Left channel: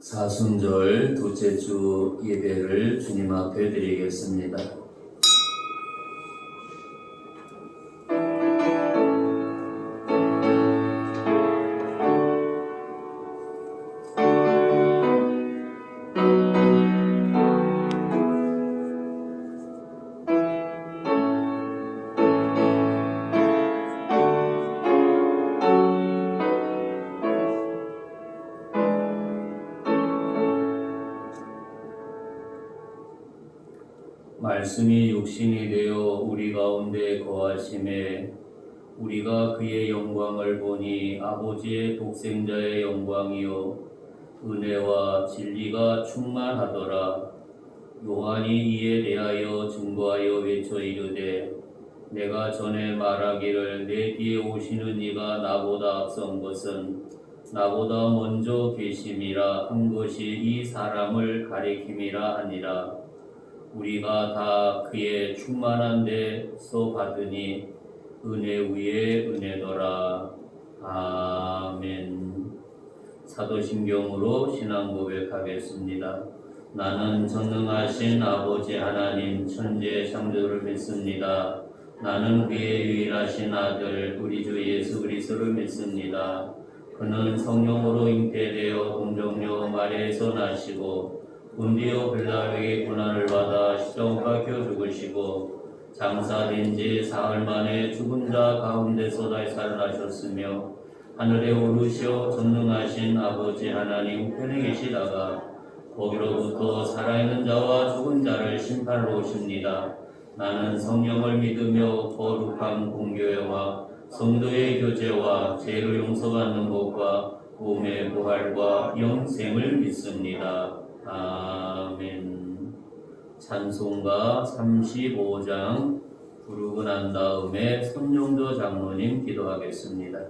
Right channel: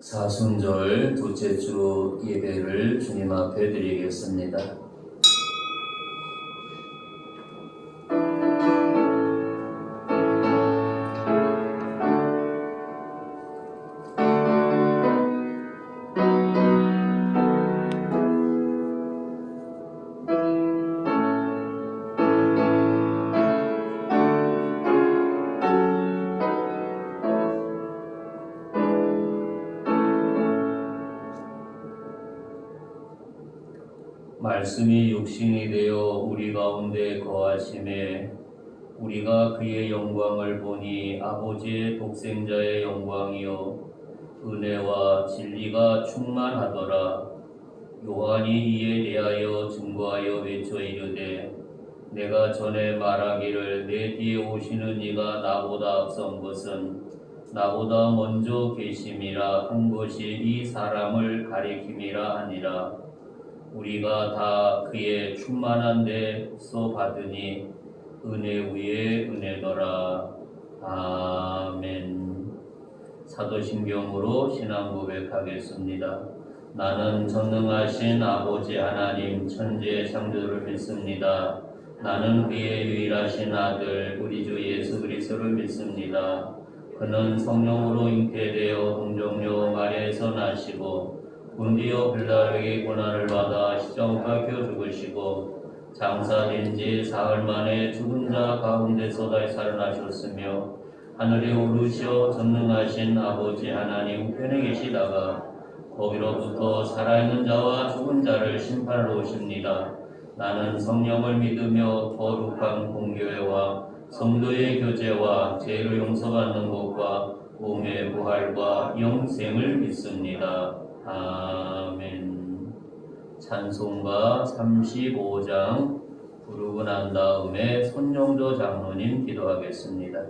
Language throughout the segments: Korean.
사순절 둘째 주 예배를 주님 앞에 드리겠습니다. 말씀이 육신이 되어 우리 가운데 거하심에 우리가 그의 영광을 보니 아버지의 독생자의 영광이요 은혜와 진리가 충만하더라. 요한이 이에 대하여 증거하여 외쳐 이르되 내가 전에 말하기를 내 뒤에 오시는 이가 나보다 앞선 것은 나보다 먼저 계심이라 한 것이 이 사람을 가리킴이라 하니라. 우리가 다 그의 충만한 데서 받으니 은혜 위에 은혜더라. 아멘. 사도신경으로 신앙 고백하겠습니다. 나는 전능하신 아버지 하나님 천지의 창조주를 믿습니다. 나는 그의 유일하신 아들 우리 주 예수 그리스도를 믿습니다. 그는 성령으로 잉태되어 동정녀 마리아에서 나시고 본디오 빌라에게 고난을 받아 십자가 박혀 죽으시고 장사된 지 사흘 만에 죽은 자 가운데서 다시 살아나셨으며 하늘에 오르시어 전능하신 아버지 하나님 우편에 계시다가 거기로부터 살아있는 자와 죽은 자를 심판하러 오십니다. 나는 성령을 믿으며 거룩한 공교회와 성도의 교제와 죄를 용서받는 것과 몸의 부활과 영생을 믿습니다. 아멘. 찬송가 35장 부르고 난 다음에 손용조 장로님 기도하겠습니다.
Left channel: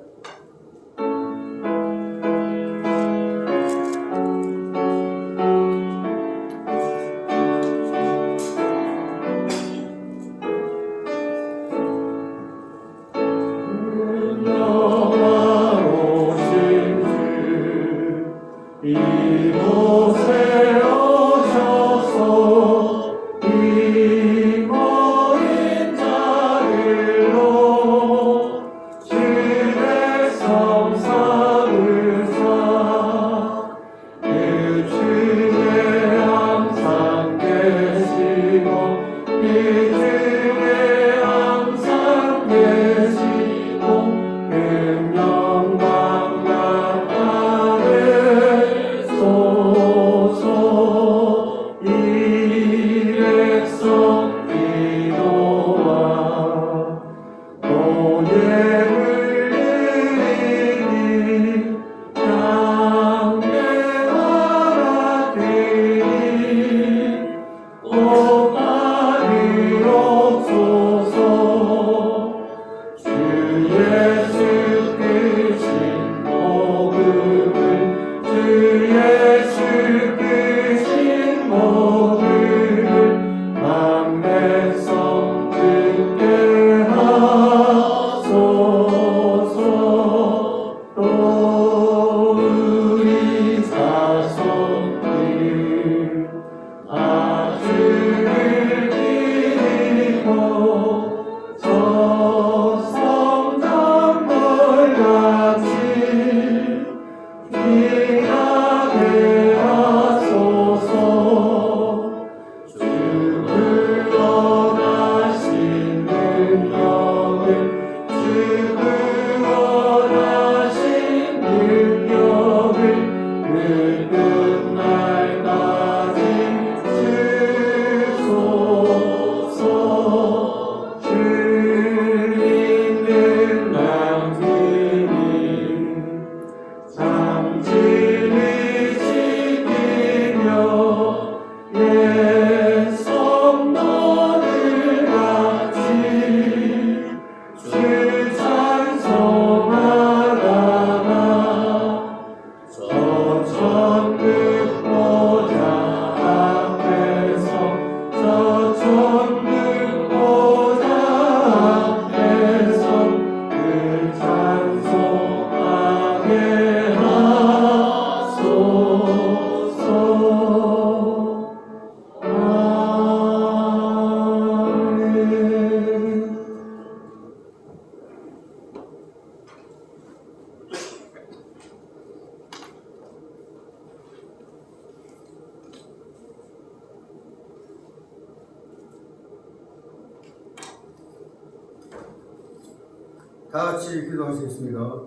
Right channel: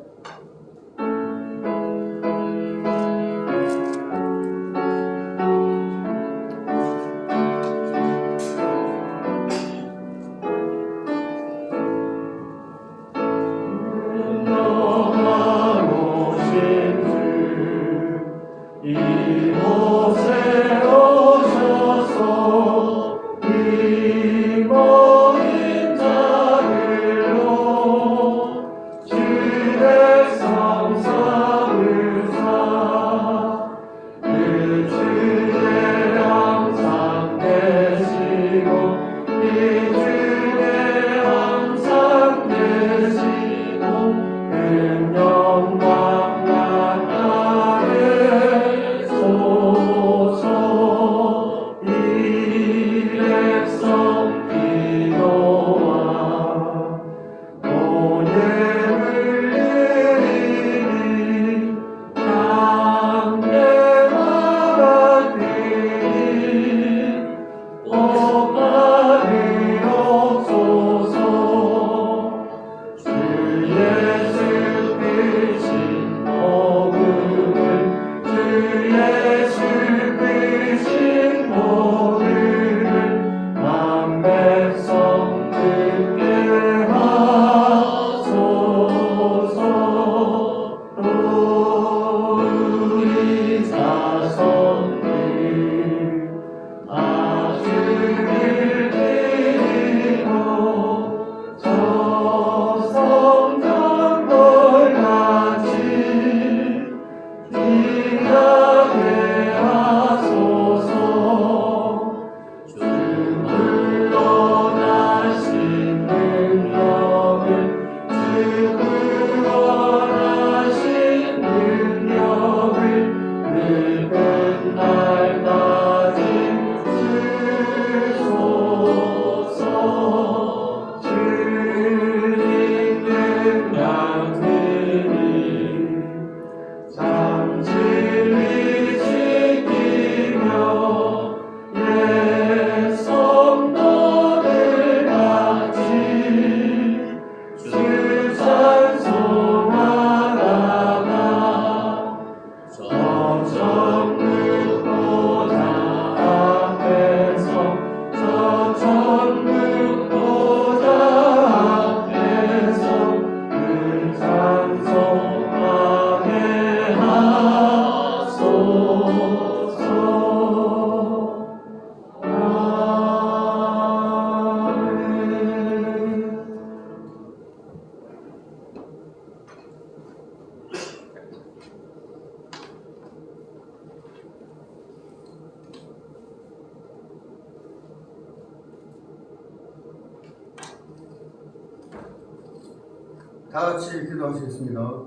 다 같이 기도하시겠습니다.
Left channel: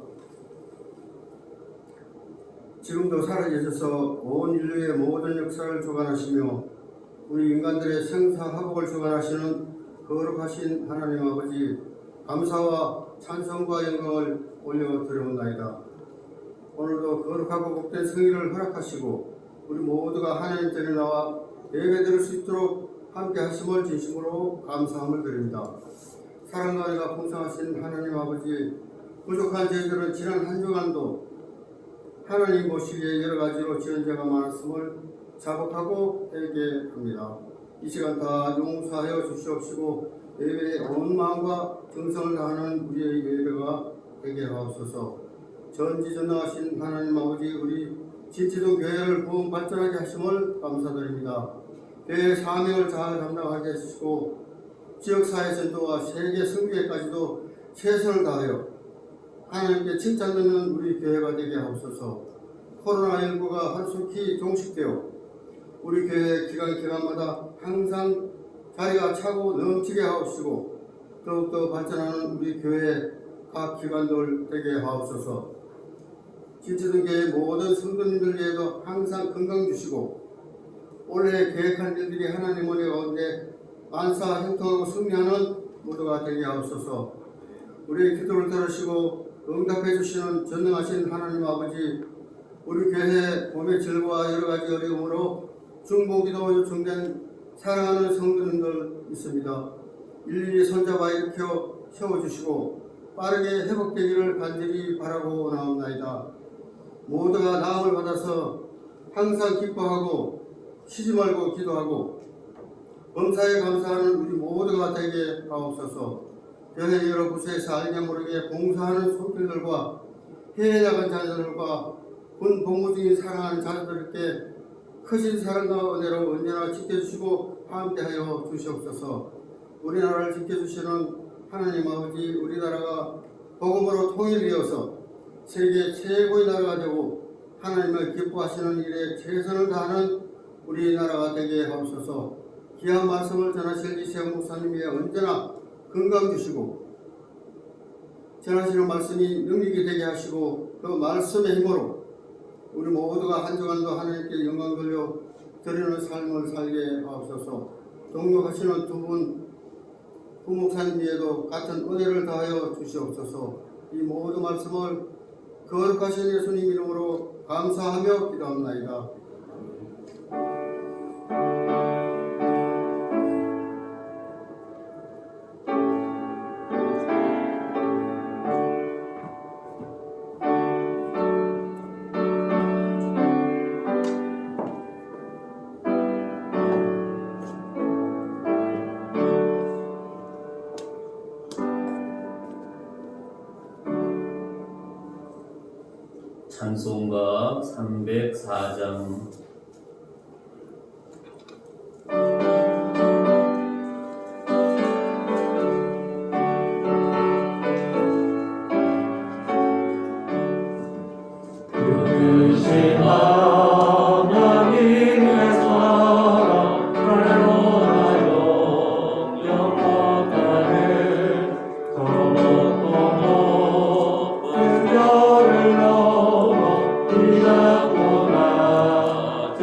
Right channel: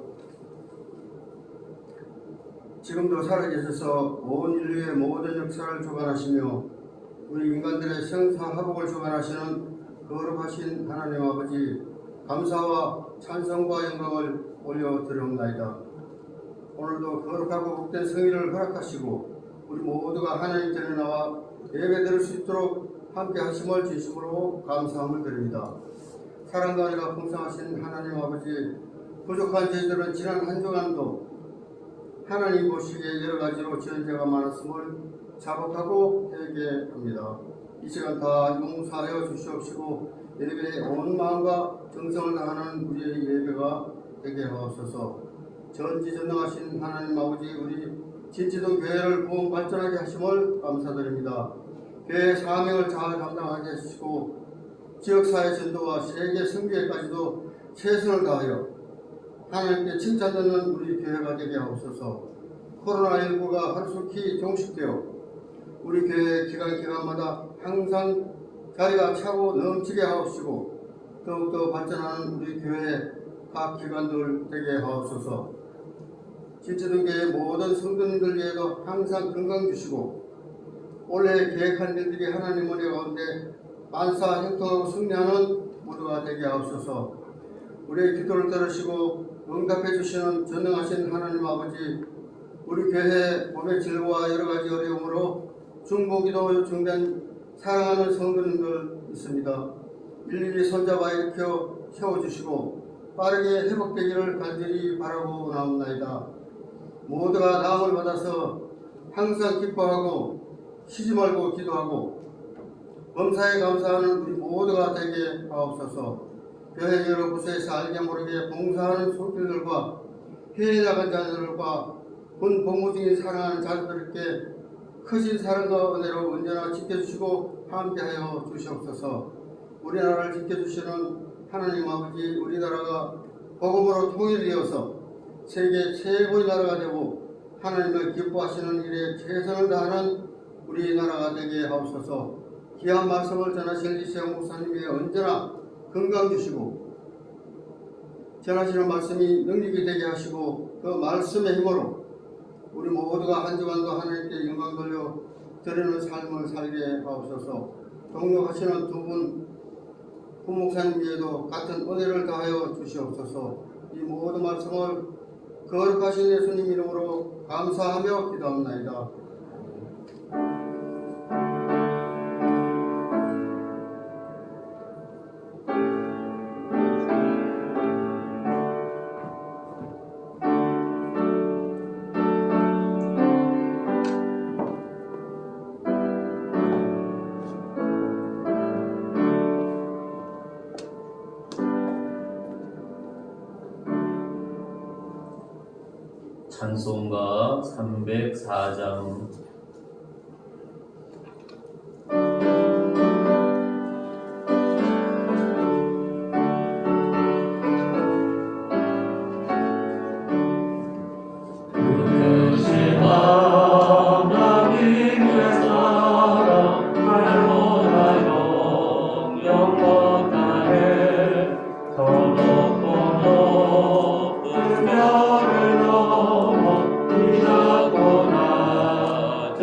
지금도 살아계셔서 온 인류의 모든 역사를 주관하시며 우리 인간들의 생사화복을 주관하시는 거룩하신 하나님 아버지, 감사와 찬송과 영광을 올려드리옵나이다. 오늘도 거룩하고 복된 성일을 허락하시고 우리 모두가 하나님 전에 나와 예배드릴 수 있도록 함께 하심을 진심으로 감사함을 드립니다. 사랑과 은혜가 풍성하신 하나님 아버지, 부족한 저희들은 지난 한 주간도 하나님 보시기에 여러 가지로 지은 죄가 많았음을 자복하고 회개합니다. 이 시간 다 용서하여 주시옵시고 예배에 온 마음과 정성을 다하는 우리의 예배가 되게 하옵소서. 전지전능하신 하나님 아버지, 우리 진치동 교회를 구원 발전하게 하심을 감사드립니다. 교회의 사명을 잘 감당하게 해주시고 지역사회 전도와 세계 선교회까지도 최선을 다하여 하나님께 칭찬받는 우리 교회가 되게 하옵소서. 코로나19가 하루속히 종식되어 우리 교회 기간마다 항상 자리가 차고 넘치게 하옵시고 더욱더 발전하는 우리 교회 각 기관들 되게 하옵소서. 진치동 교회 모든 성도님들 위해도 항상 건강 주시고 올해 계획한 일들이 하나님 은혜 가운데 만사 형통하고 승리하는 모두가 되게 하옵소서. 우리의 기도를 들으시고 응답해 주시는 전능하신 하나님 아버지, 우리 교회 몸의 질과 여러 가지 어려움으로 중보기도 요청된 사랑하는 성도님들 있습니다. 일일이 손잡아 일으켜 세워주시고 빠르게 회복되기를 간절히 바라고 나옵나이다. 모두가 나음을 받아서 항상 기뻐하고 쉬지 말고 기도하고 범사에 감사하는 우리 모두가 되게 하옵소서. 교회 여러 곳에서 알게 모르게 봉사하는 손길들과 해외 나간 자들과 군 복무 중인 사랑하는 자들에게 크신 사랑과 은혜로 언제나 지켜주시고 함께하여 주시옵소서. 우리나라를 지켜주시는 하나님 아버지, 우리나라가 복음으로 통일되어서 세계 최고의 나라가 되고 하나님을 기뻐하시는 일에 최선을 다하는 우리나라가 되게 하옵소서. 귀한 말씀을 전하실 이세영 목사님이 언제나 건강 주시고 전하시는 말씀이 능력이 되게 하시고 그 말씀의 힘으로 우리 모두가 한 주간도 하나님께 영광 돌려 드리는 삶을 살게 하옵소서. 동역하시는 두 분 부목사님 위에도 같은 은혜를 다하여 주시옵소서. 이 모든 말씀을 거룩하신 예수님 이름으로 감사하며 기도합나이다. 찬송가 304장. 나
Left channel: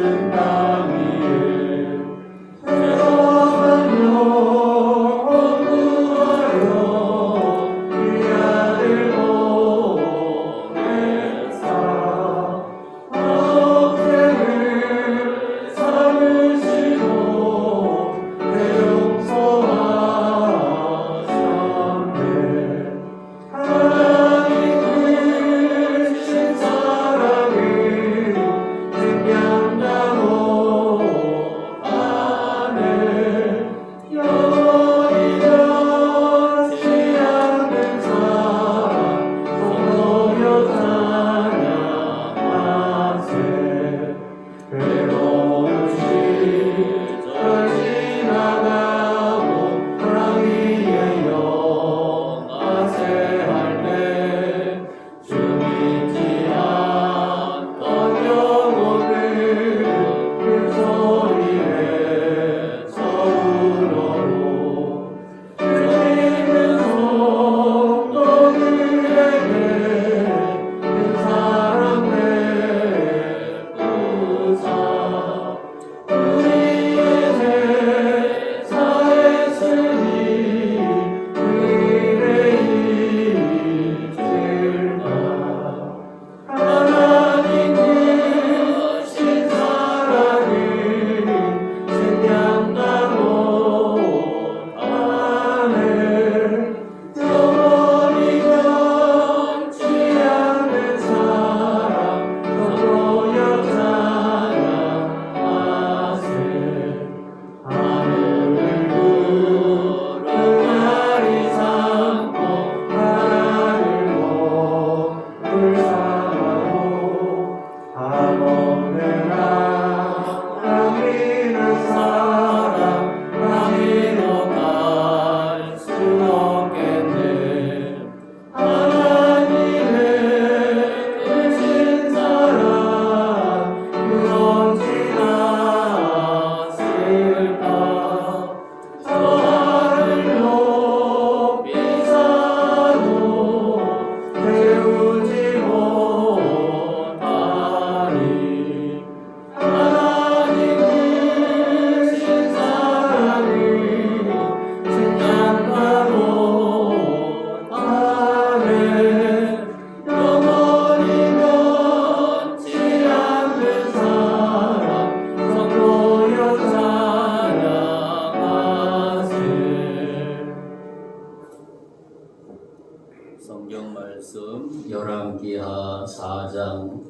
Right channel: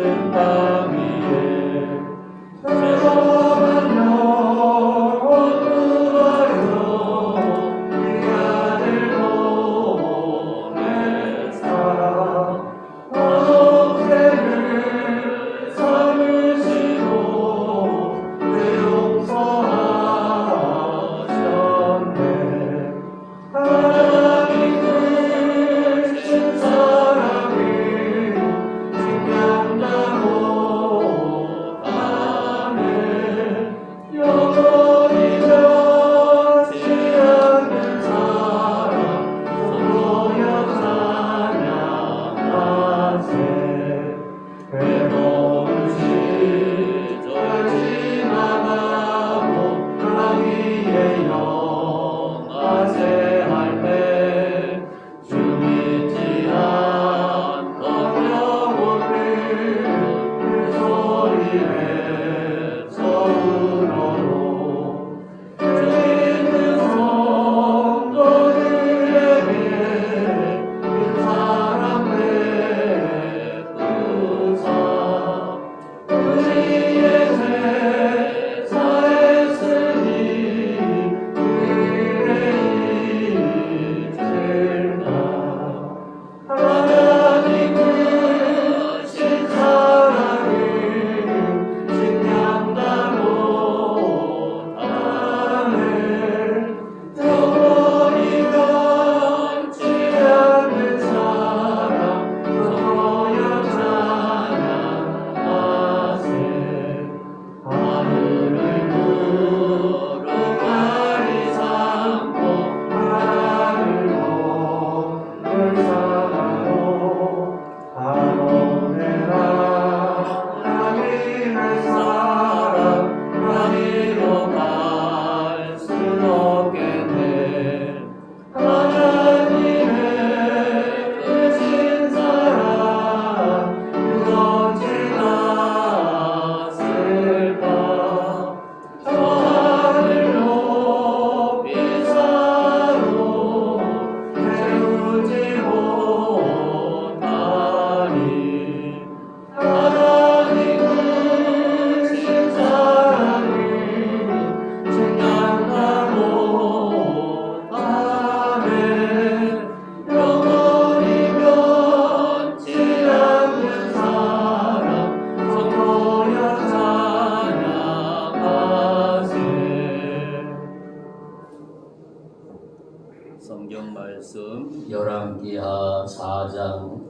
열왕기하 4장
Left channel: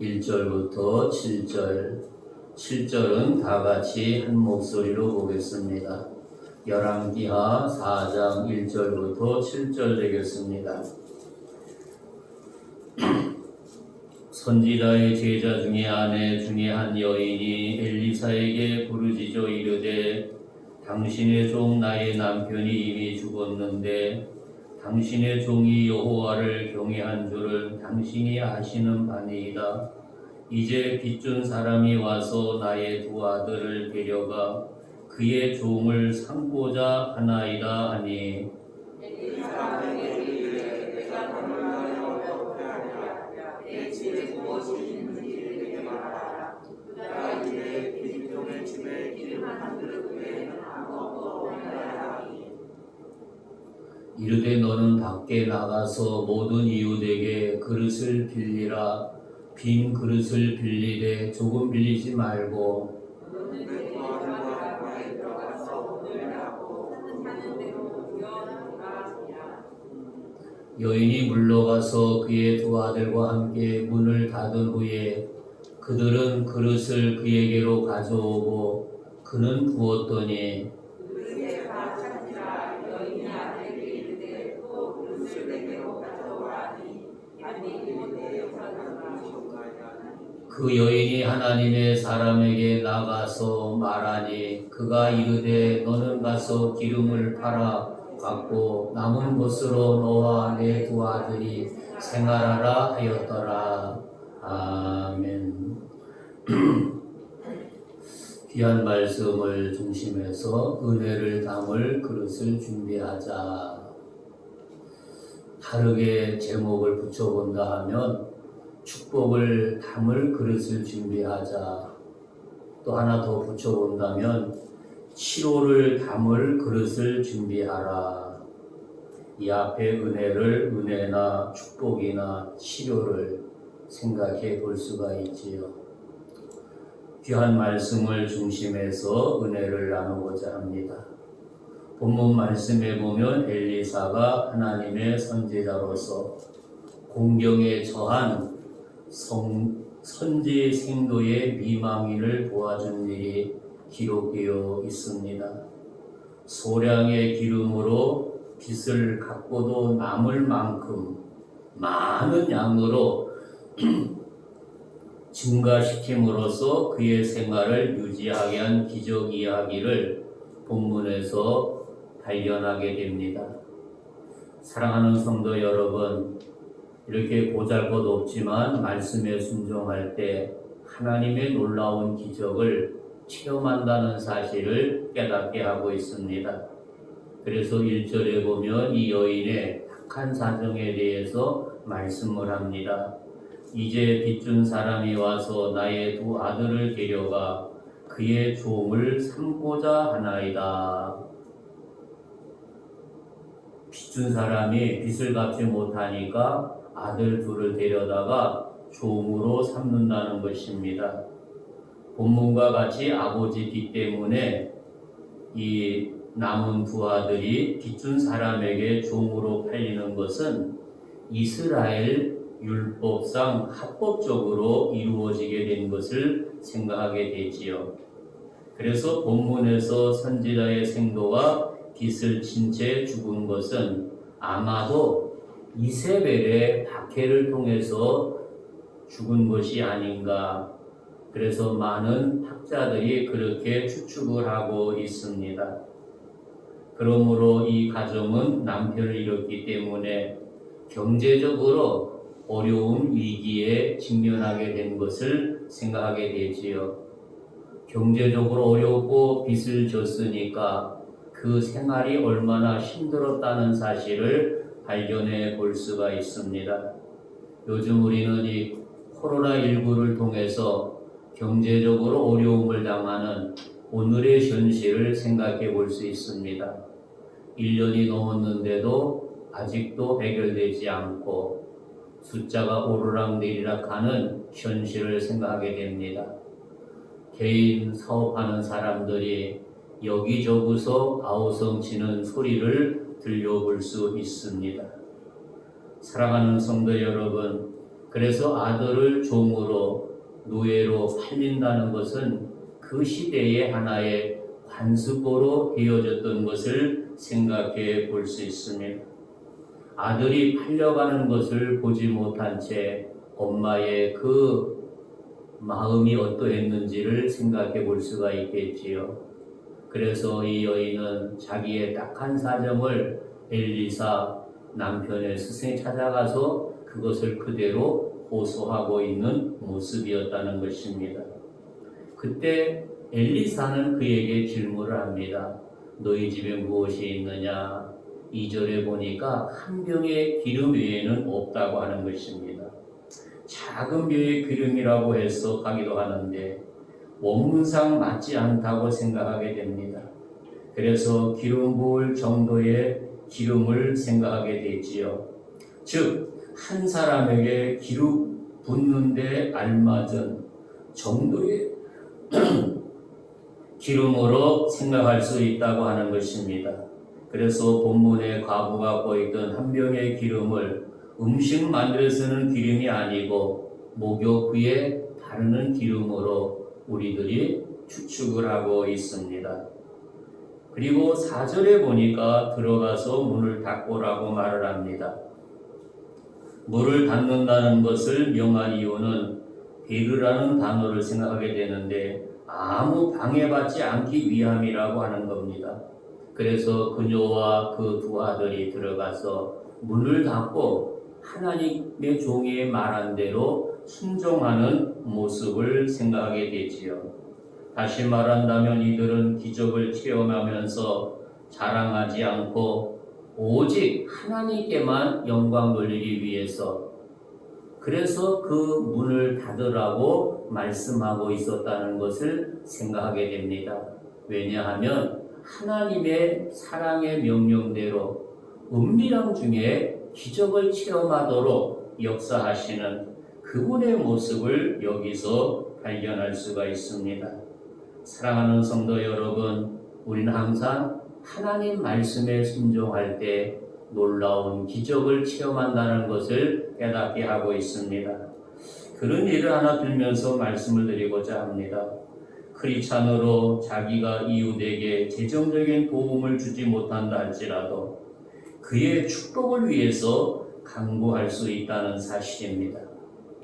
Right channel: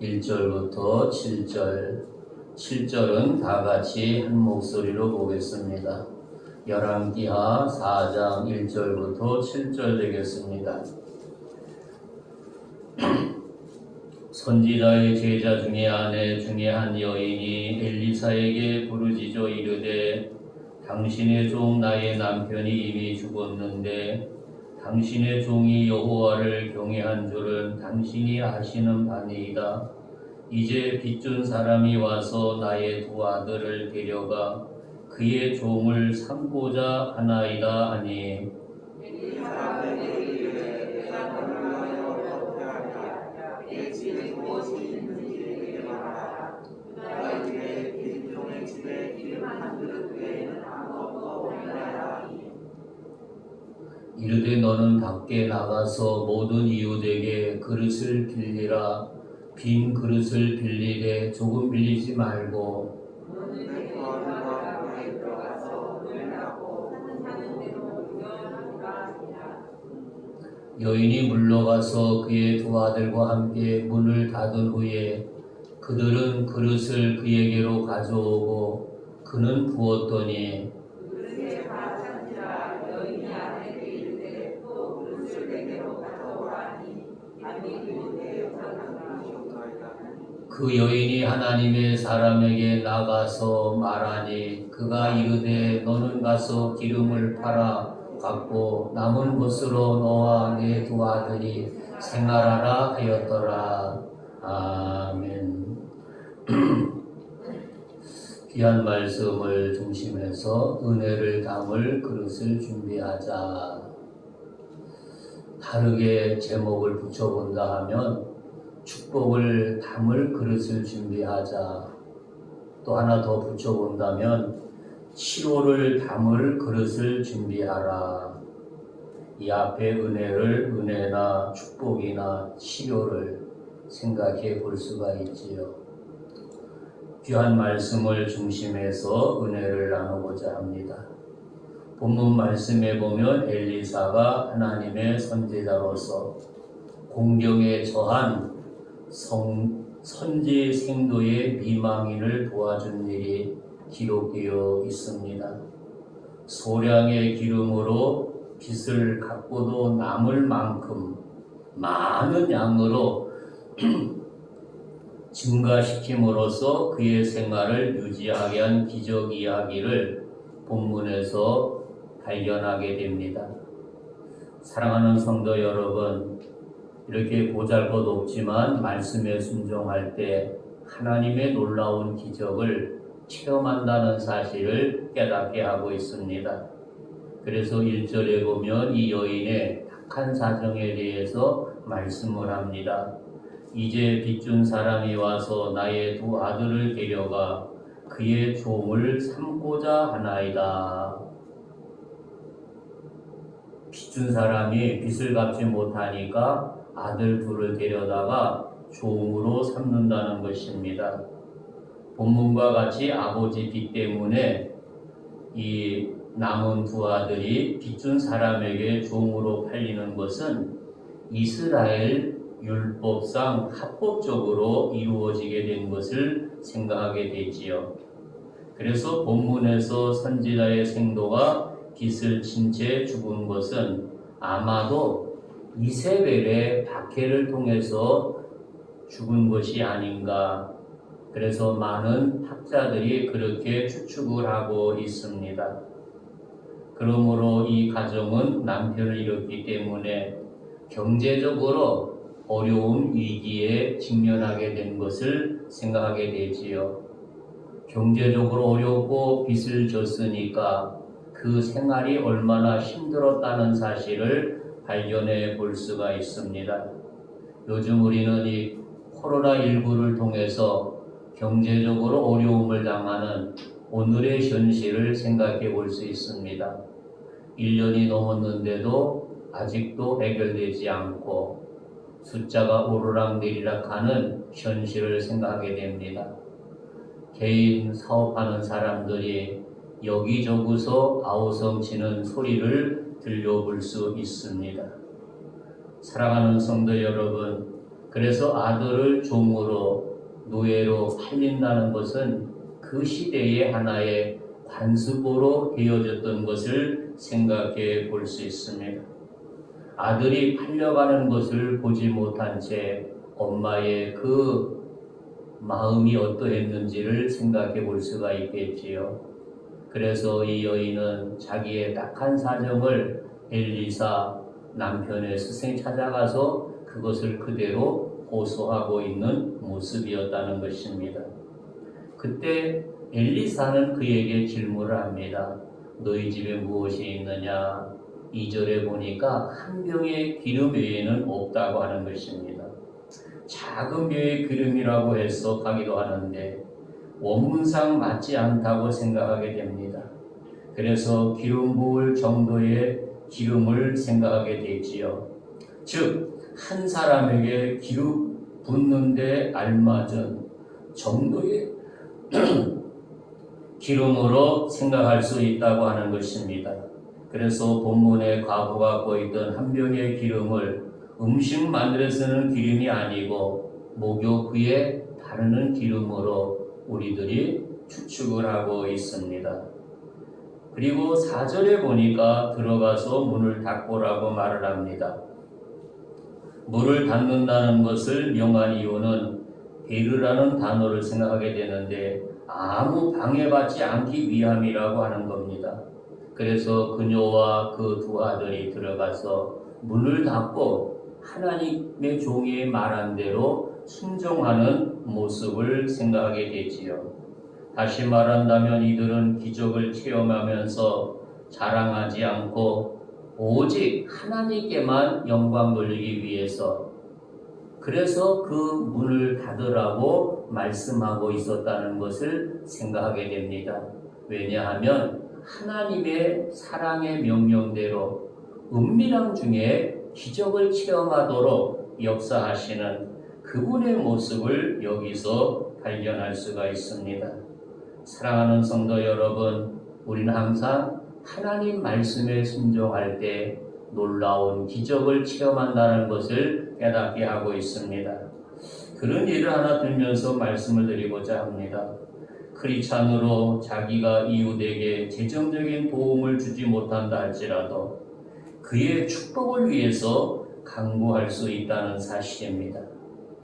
1절부터 7절, 7절은 다 같이 한 목소리로 보겠습니다. 열왕기하 4장 1절부터 7절 되겠습니다. 선지자의 제자 중에 아내 중에 한 여인이 엘리사에게 부르짖어 이르되 당신의 종 나의 남편이 이미 죽었는데 당신의 종이 여호와를 경외한 줄은 당신이 아시는 바니이다. 이제 빚준 사람이 와서 나의 두 아들을 데려가 그의 종을 삼고자 하나이다 하니 이르되 너는 밖에 나가서 모든 이웃에게 그릇을 빌리라. 빈 그릇을 빌리되 조금 빌리지 말고 여인이 물러가서 그의 두 아들과 함께 문을 닫은 후에 그들은 그릇을 그에게로 가져오고 그는 부었더니 그 여인이 하나님의 사람에게 나가서 말하니 그가 이르되 너는 가서 기름을 팔아 갖고 남은 것으로 너와 내 두 아들이 생활하라 하였더라. 아멘. 귀한 말씀을 중심해서 은혜를 담을 그릇을 준비하자. 다르게 제목을 붙여본다 하면 축복을 담을 그릇을 준비하자. 또 하나 더 붙여본다면 치료를 담을 그릇을 준비하라. 이 앞에 은혜나 축복이나 치료를 생각해 볼 수가 있지요. 귀한 말씀을 중심해서 은혜를 나누고자 합니다. 본문 말씀에 보면 엘리사가 하나님의 선지자로서 공경에 처한 선지 생도의 미망인을 도와준 일이 기록되어 있습니다. 소량의 기름으로 빚을 갚고도 남을 만큼 많은 양으로 증가시킴으로써 그의 생활을 유지하게 한 기적 이야기를 본문에서 발견하게 됩니다. 사랑하는 성도 여러분, 이렇게 보잘것없지만 말씀에 순종할 때 하나님의 놀라운 기적을 체험한다는 사실을 깨닫게 하고 있습니다. 그래서 1절에 보면 이 여인의 악한 사정에 대해서 말씀을 합니다. 이제 빚준 사람이 와서 나의 두 아들을 데려가 그의 종을 삼고자 하나이다. 빚준 사람이 빚을 갚지 못하니까 아들 둘을 데려다가 종으로 삼는다는 것입니다. 본문과 같이 아버지 빚 때문에 이 남은 두 아들이 빚준 사람에게 종으로 팔리는 것은 이스라엘 율법상 합법적으로 이루어지게 된 것을 생각하게 되지요. 그래서 본문에서 선지자의 생도가 빚을 진 채 죽은 것은 아마도 이세벨의 박해를 통해서 죽은 것이 아닌가. 그래서 많은 학자들이 그렇게 추측을 하고 있습니다. 그러므로 이 가정은 남편을 잃었기 때문에 경제적으로 어려운 위기에 직면하게 된 것을 생각하게 되지요. 경제적으로 어렵고 빚을 졌으니까 그 생활이 얼마나 힘들었다는 사실을 발견해 볼 수가 있습니다. 요즘 우리는 이 코로나19를 통해서 경제적으로 어려움을 당하는 오늘의 현실을 생각해 볼 수 있습니다. 1년이 넘었는데도 아직도 해결되지 않고 숫자가 오르락내리락 하는 현실을 생각하게 됩니다. 개인 사업하는 사람들이 여기저기서 아우성치는 소리를 들려볼 수 있습니다. 사랑하는 성도 여러분, 그래서 아들을 종으로 노예로 팔린다는 것은 그 시대의 하나의 관습으로 되어졌던 것을 생각해 볼 수 있습니다. 아들이 팔려가는 것을 보지 못한 채 엄마의 그 마음이 어떠했는지를 생각해 볼 수가 있겠지요. 그래서 이 여인은 자기의 딱한 사정을 엘리사 남편의 스승이 찾아가서 그것을 그대로 호소하고 있는 모습이었다는 것입니다. 그때 엘리사는 그에게 질문을 합니다. 너희 집에 무엇이 있느냐? 2절에 보니까 한 병의 기름 외에는 없다고 하는 것입니다. 작은 병의 기름이라고 해서 가기도 하는데 원문상 맞지 않다고 생각하게 됩니다. 그래서 기름 부을 정도의 기름을 생각하게 되지요. 즉 한 사람에게 기름 붓는데 알맞은 정도의 기름으로 생각할 수 있다고 하는 것입니다. 그래서 본문에 과부가 보이던 한 병의 기름을 음식 만들어 쓰는 기름이 아니고 목욕 후에 바르는 기름으로 우리들이 추측을 하고 있습니다. 그리고 4절에 보니까 들어가서 문을 닫고라고 말을 합니다. 문을 닫는다는 것을 명한 이유는 베르라는 단어를 생각하게 되는데 아무 방해받지 않기 위함이라고 하는 겁니다. 그래서 그녀와 그 두 아들이 들어가서 문을 닫고 하나님의 종이 말한 대로 순종하는 모습을 생각하게 되지요. 다시 말한다면 이들은 기적을 체험하면서 자랑하지 않고 오직 하나님께만 영광 돌리기 위해서 그래서 그 문을 닫으라고 말씀하고 있었다는 것을 생각하게 됩니다. 왜냐하면 하나님의 사랑의 명령대로 은밀함 중에 기적을 체험하도록 역사하시는 그분의 모습을 여기서 발견할 수가 있습니다. 사랑하는 성도 여러분, 우리는 항상 하나님 말씀에 순종할 때 놀라운 기적을 체험한다는 것을 깨닫게 하고 있습니다. 그런 예를 하나 들면서 말씀을 드리고자 합니다. 크리스찬으로 자기가 이웃에게 재정적인 도움을 주지 못한다 할지라도 그의 축복을 위해서 강구할 수 있다는 사실입니다.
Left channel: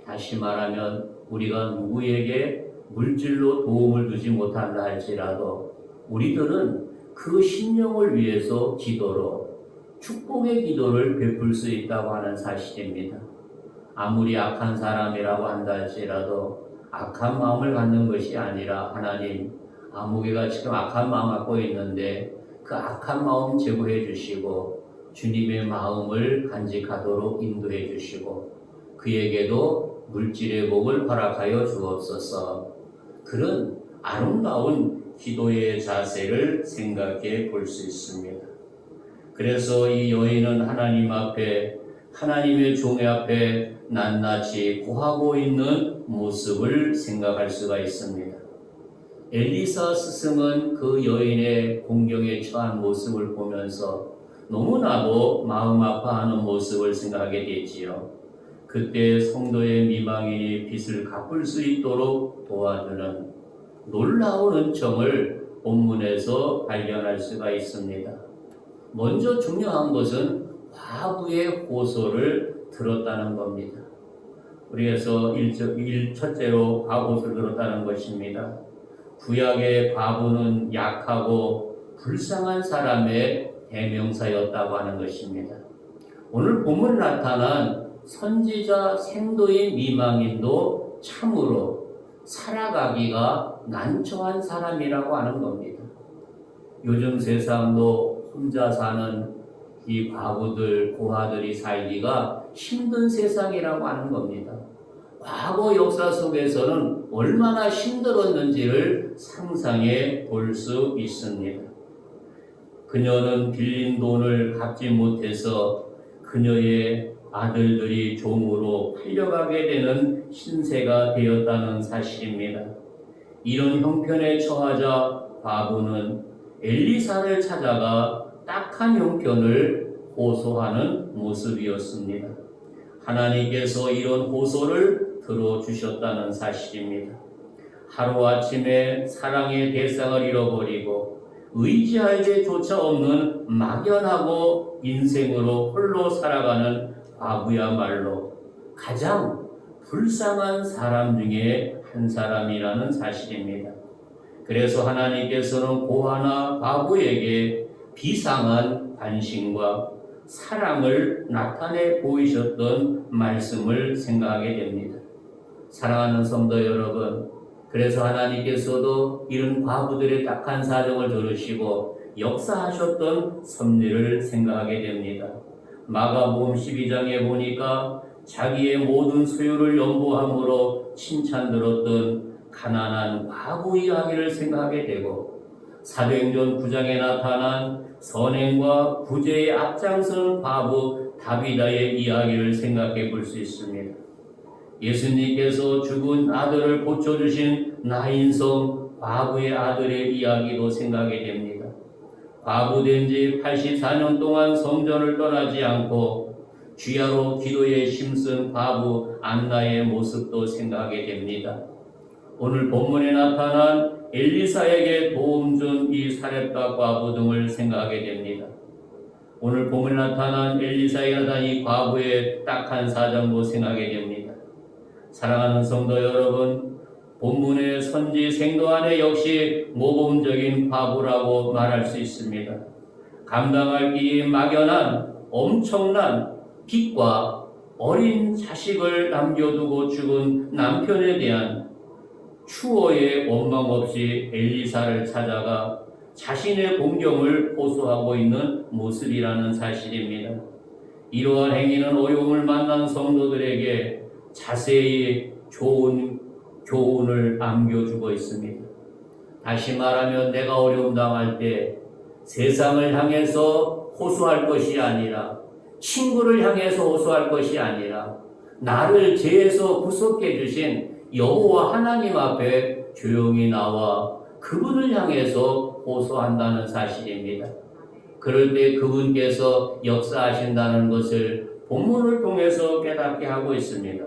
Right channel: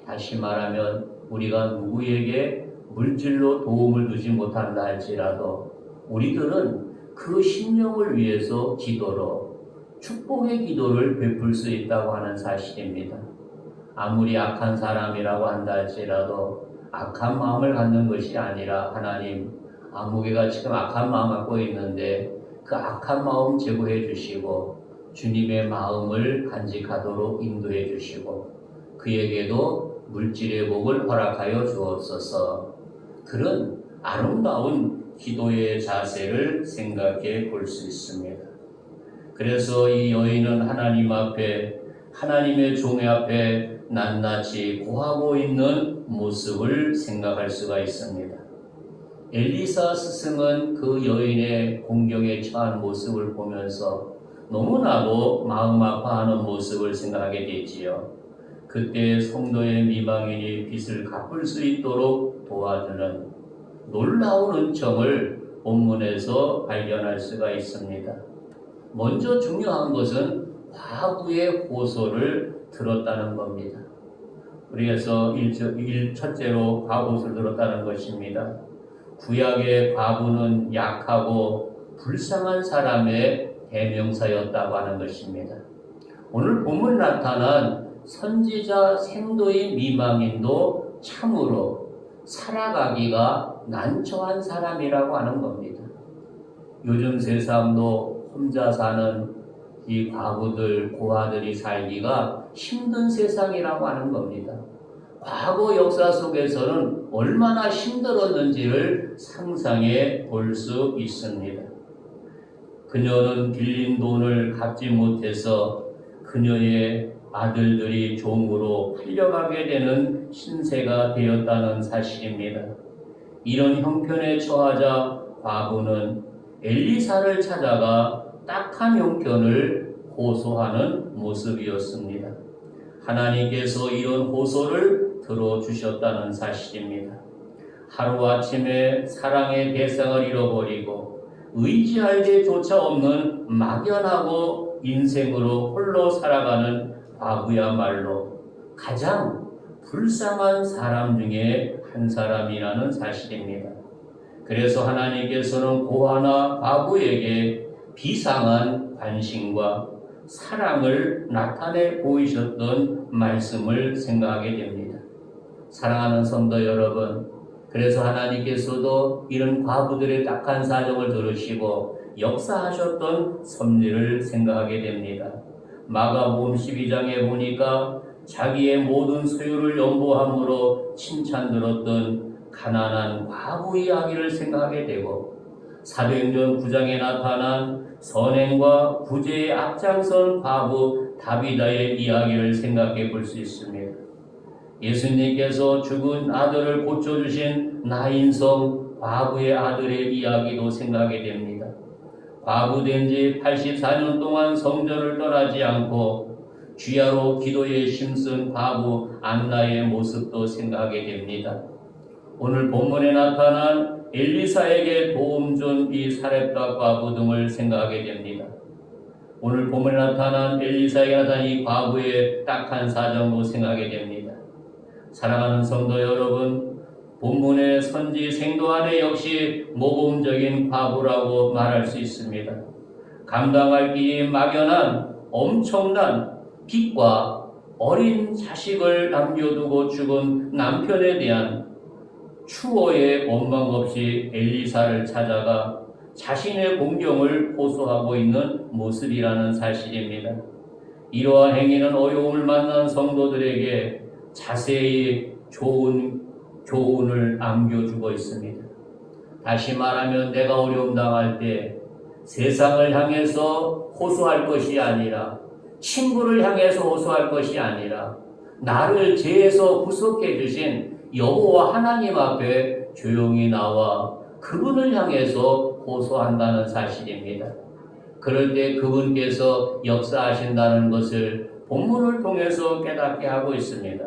다시 말하면 우리가 누구에게 물질로 도움을 주지 못한다 할지라도 우리들은 그 심령을 위해서 기도로 축복의 기도를 베풀 수 있다고 하는 사실입니다. 아무리 악한 사람이라고 한다 할지라도 악한 마음을 갖는 것이 아니라 하나님, 아무개가 지금 악한 마음 갖고 있는데 그 악한 마음 제거해 주시고 주님의 마음을 간직하도록 인도해 주시고 그에게도 물질의 복을 허락하여 주옵소서. 그런 아름다운 기도의 자세를 생각해 볼 수 있습니다. 그래서 이 여인은 하나님 앞에 하나님의 종의 앞에 낱낱이 구하고 있는 모습을 생각할 수가 있습니다. 엘리사 스승은 그 여인의 공경에 처한 모습을 보면서 너무나도 마음 아파하는 모습을 생각하게 되지요. 그때 성도의 미망인이 빚을 갚을 수 있도록 도와주는 놀라운 은총을 본문에서 발견할 수가 있습니다. 먼저 중요한 것은 과부의 호소를 들었다는 겁니다. 우리에서 첫째로 과부를 들었다는 것입니다. 구약의 과부는 약하고 불쌍한 사람의 대명사였다고 하는 것입니다. 오늘 본문에 나타난 선지자 생도의 미망인도 참으로 살아가기가 난처한 사람이라고 하는 겁니다. 요즘 세상도 혼자 사는 이 과부들, 고아들이 살기가 힘든 세상이라고 하는 겁니다. 과거 역사 속에서는 얼마나 힘들었는지를 상상해 볼 수 있습니다. 그녀는 빌린 돈을 갚지 못해서 그녀의 아들들이 종으로 팔려가게 되는 신세가 되었다는 사실입니다. 이런 형편에 처하자 과부는 엘리사를 찾아가 딱한 형편을 호소하는 모습이었습니다. 하나님께서 이런 호소를 들어주셨다는 사실입니다. 하루아침에 사랑의 대상을 잃어버리고 의지할 데조차 없는 막연하고 인생으로 홀로 살아가는 과부야말로 가장 불쌍한 사람 중에 한 사람이라는 사실입니다. 그래서 하나님께서는 고아나 과부에게 비상한 관심과 사랑을 나타내 보이셨던 말씀을 생각하게 됩니다. 사랑하는 성도 여러분, 그래서 하나님께서도 이런 과부들의 딱한 사정을 들으시고 역사하셨던 섭리를 생각하게 됩니다. 마가복음 12장에 보니까 자기의 모든 소유를 연보함으로 칭찬 들었던 가난한 과부 이야기를 생각하게 되고, 사도행전 9장에 나타난 선행과 구제에 앞장선 과부 다비다의 이야기를 생각해 볼 수 있습니다. 예수님께서 죽은 아들을 고쳐주신 나인성 과부의 아들의 이야기도 생각이 됩니다. 과부된 지 84년 동안 성전을 떠나지 않고 주야로 기도에 힘쓴 과부 안나의 모습도 생각하게 됩니다. 오늘 본문에 나타난 엘리사에게 도움 준 이 사렙과 과부 등을 생각하게 됩니다. 오늘 본문에 나타난 엘리사에게 나타난 이 과부의 딱한 사정도 생각하게 됩니다. 사랑하는 성도 여러분, 본문의 선지 생도안에 역시 모범적인 과부라고 말할 수 있습니다. 감당할 길이 막연한 엄청난 빚과 어린 자식을 남겨두고 죽은 남편에 대한 추호의 원망 없이 엘리사를 찾아가 자신의 공경을 호소하고 있는 모습이라는 사실입니다. 이러한 행위는 어려움을 만난 성도들에게 자세히 좋은 교훈을 안겨주고 있습니다. 다시 말하면 내가 어려움 당할 때 세상을 향해서 호소할 것이 아니라, 친구를 향해서 호소할 것이 아니라, 나를 죄에서 구속해 주신 여호와 하나님 앞에 조용히 나와 그분을 향해서 호소한다는 사실입니다. 그럴 때 그분께서 역사하신다는 것을 본문을 통해서 깨닫게 하고 있습니다.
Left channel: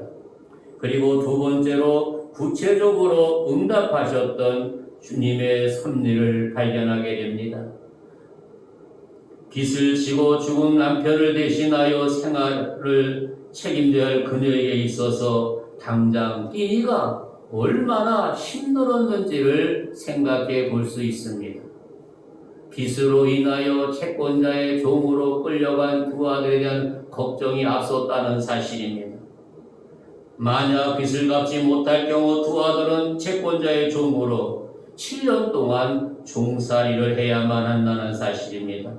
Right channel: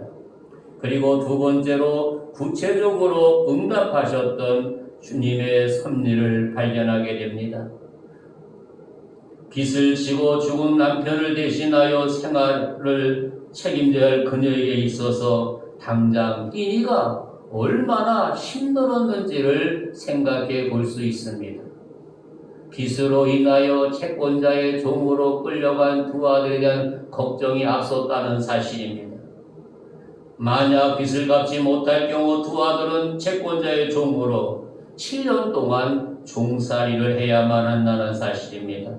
그리고 두 번째로 구체적으로 응답하셨던 주님의 섭리를 발견하게 됩니다. 빚을 지고 죽은 남편을 대신하여 생활을 책임져야 할 그녀에게 있어서 당장 끼니가 얼마나 힘들었는지를 생각해 볼 수 있습니다. 빚으로 인하여 채권자의 종으로 끌려간 두 아들에 대한 걱정이 앞섰다는 사실입니다. 만약 빚을 갚지 못할 경우 두 아들은 채권자의 종으로 7년 동안 종살이를 해야만 한다는 사실입니다.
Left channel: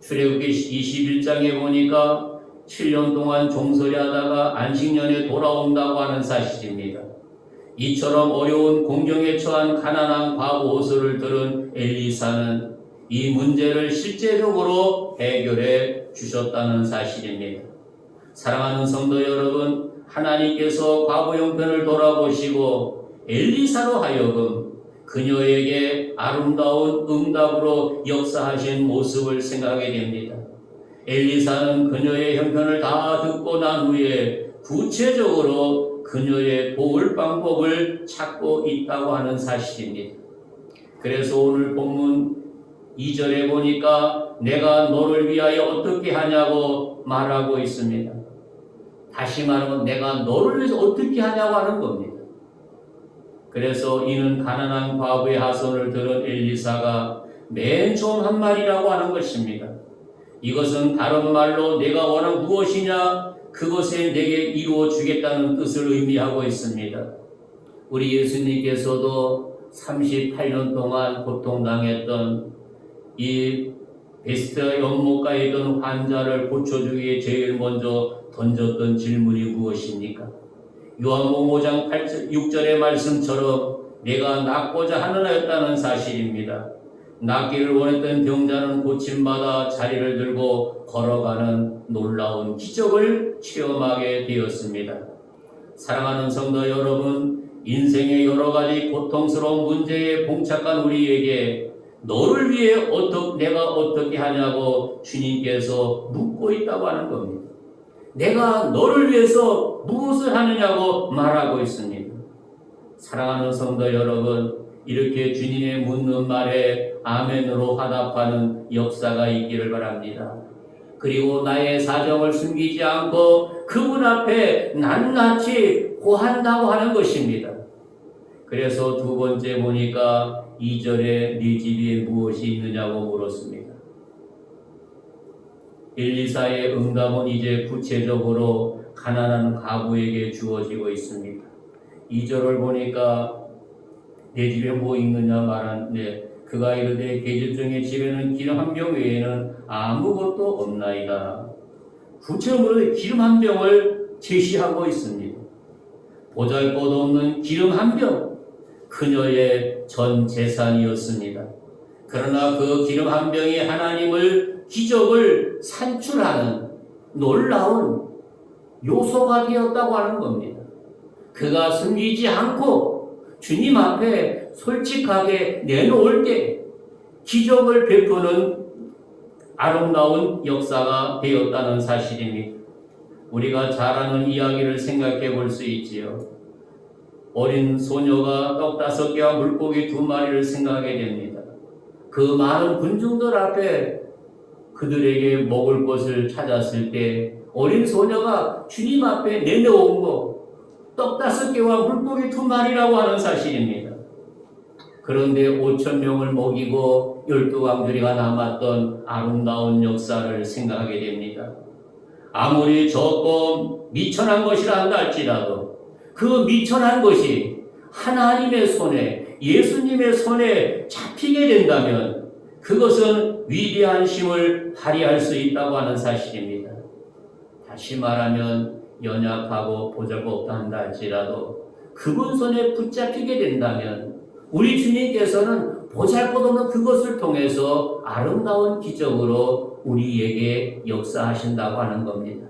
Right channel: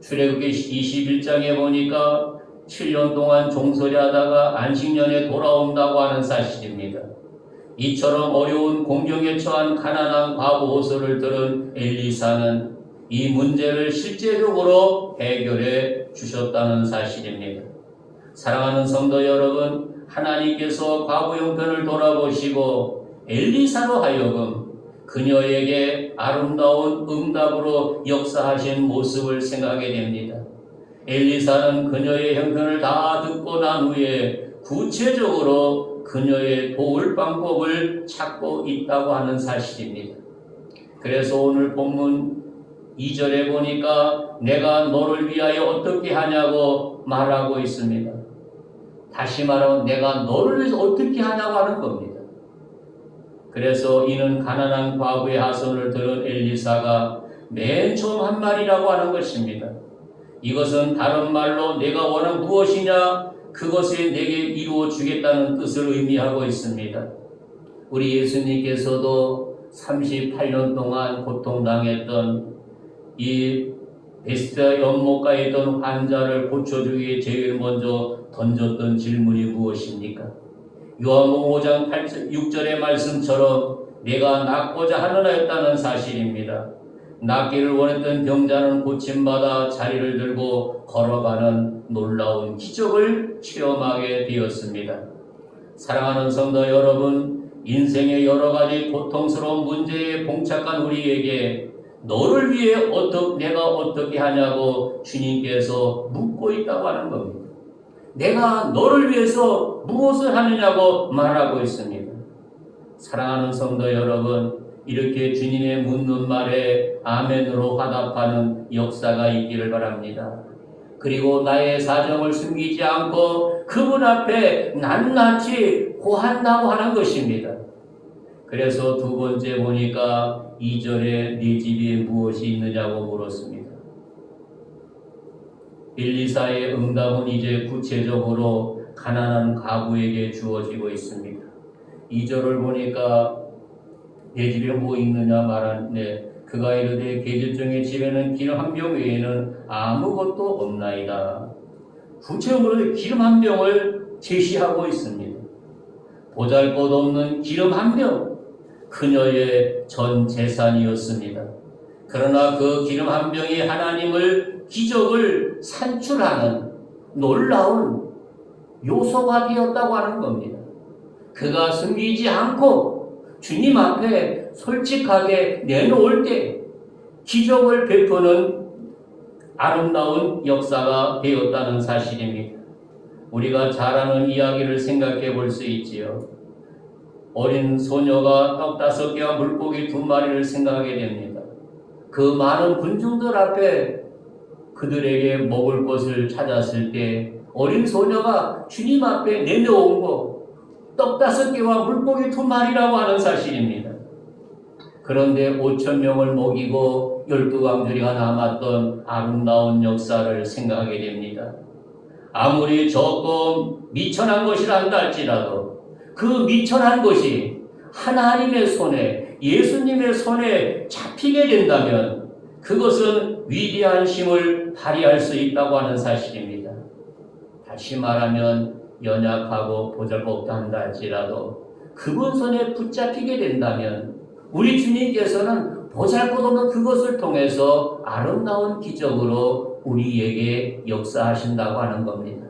출애굽기 21장에 보니까 7년 동안 종살이하다가 안식년에 돌아온다고 하는 사실입니다. 이처럼 어려운 공경에 처한 가난한 과부 호소를 들은 엘리사는 이 문제를 실제적으로 해결해 주셨다는 사실입니다. 사랑하는 성도 여러분, 하나님께서 과부 형편을 돌아보시고 엘리사로 하여금 그녀에게 아름다운 응답으로 역사하신 모습을 생각하게 됩니다. 엘리사는 그녀의 형편을 다 듣고 난 후에 구체적으로 그녀의 도울 방법을 찾고 있다고 하는 사실입니다. 그래서 오늘 본문 2절에 보니까 내가 너를 위하여 어떻게 하냐고 말하고 있습니다. 다시 말하면 내가 너를 위해서 어떻게 하냐고 하는 겁니다. 그래서 이는 가난한 과부의 하소연을 들은 엘리사가 맨 처음 한 말이라고 하는 것입니다. 이것은 다른 말로 내가 원한 무엇이냐 그것에 내게 이루어 주겠다는 뜻을 의미하고 있습니다. 우리 예수님께서도 38년 동안 고통당했던 이 베스다 연못가에 있던 환자를 고쳐주기 위해 제일 먼저 던졌던 질문이 무엇입니까? 요한복음 5장 6절의 말씀처럼 내가 낫고자 하느라였다는 사실입니다. 낫기를 원했던 병자는 고침받아 자리를 들고 걸어가는 놀라운 기적을 체험하게 되었습니다. 사랑하는 성도 여러분, 인생의 여러 가지 고통스러운 문제에 봉착한 우리에게 너를 위해 내가 어떻게 하냐고 주님께서 묻고 있다고 하는 겁니다. 내가 너를 위해서 무엇을 하느냐고 말하고 있습니다. 사랑하는 성도 여러분, 이렇게 주님의 묻는 말에 아멘으로 화답하는 역사가 있기를 바랍니다. 그리고 나의 사정을 숨기지 않고 그분 앞에 낱낱이 고한다고 하는 것입니다. 그래서 두 번째 보니까 2절에 네 집에 무엇이 있느냐고 물었습니다. 엘리사의 응답은 이제 구체적으로 가난한 가부에게 주어지고 있습니다. 2절을 보니까 내 집에 뭐 있느냐 말하는데 그가 이르되 계집종의 집에는 기름 한 병 외에는 아무것도 없나이다. 구체적으로 기름 한 병을 제시하고 있습니다. 보잘것없는 기름 한 병, 그녀의 전 재산이었습니다. 그러나 그 기름 한 병이 하나님을 기적을 산출하는 놀라운 요소가 되었다고 하는 겁니다. 그가 숨기지 않고 주님 앞에 솔직하게 내놓을 때 기적을 베푸는 아름다운 역사가 되었다는 사실입니다. 우리가 잘 아는 이야기를 생각해 볼 수 있지요. 어린 소녀가 떡 5개와 물고기 2마리를 생각하게 됩니다. 그 많은 군중들 앞에 그들에게 먹을 것을 찾았을 때 어린 소녀가 주님 앞에 내놓은 것 떡 5개와 물고기 2마리라고 하는 사실입니다. 그런데 5,000명을 먹이고 12광주리가 남았던 아름다운 역사를 생각하게 됩니다. 아무리 조금 미천한 것이라 한다 할지라도 그 미천한 것이 하나님의 손에, 예수님의 손에 잡히게 된다면 그것은 위대한 힘을 발휘할 수 있다고 하는 사실입니다. 다시 말하면 연약하고 보잘것없다 한다 할지라도 그분 손에 붙잡히게 된다면 우리 주님께서는 보잘것없는 그것을 통해서 아름다운 기적으로 우리에게 역사하신다고 하는 겁니다.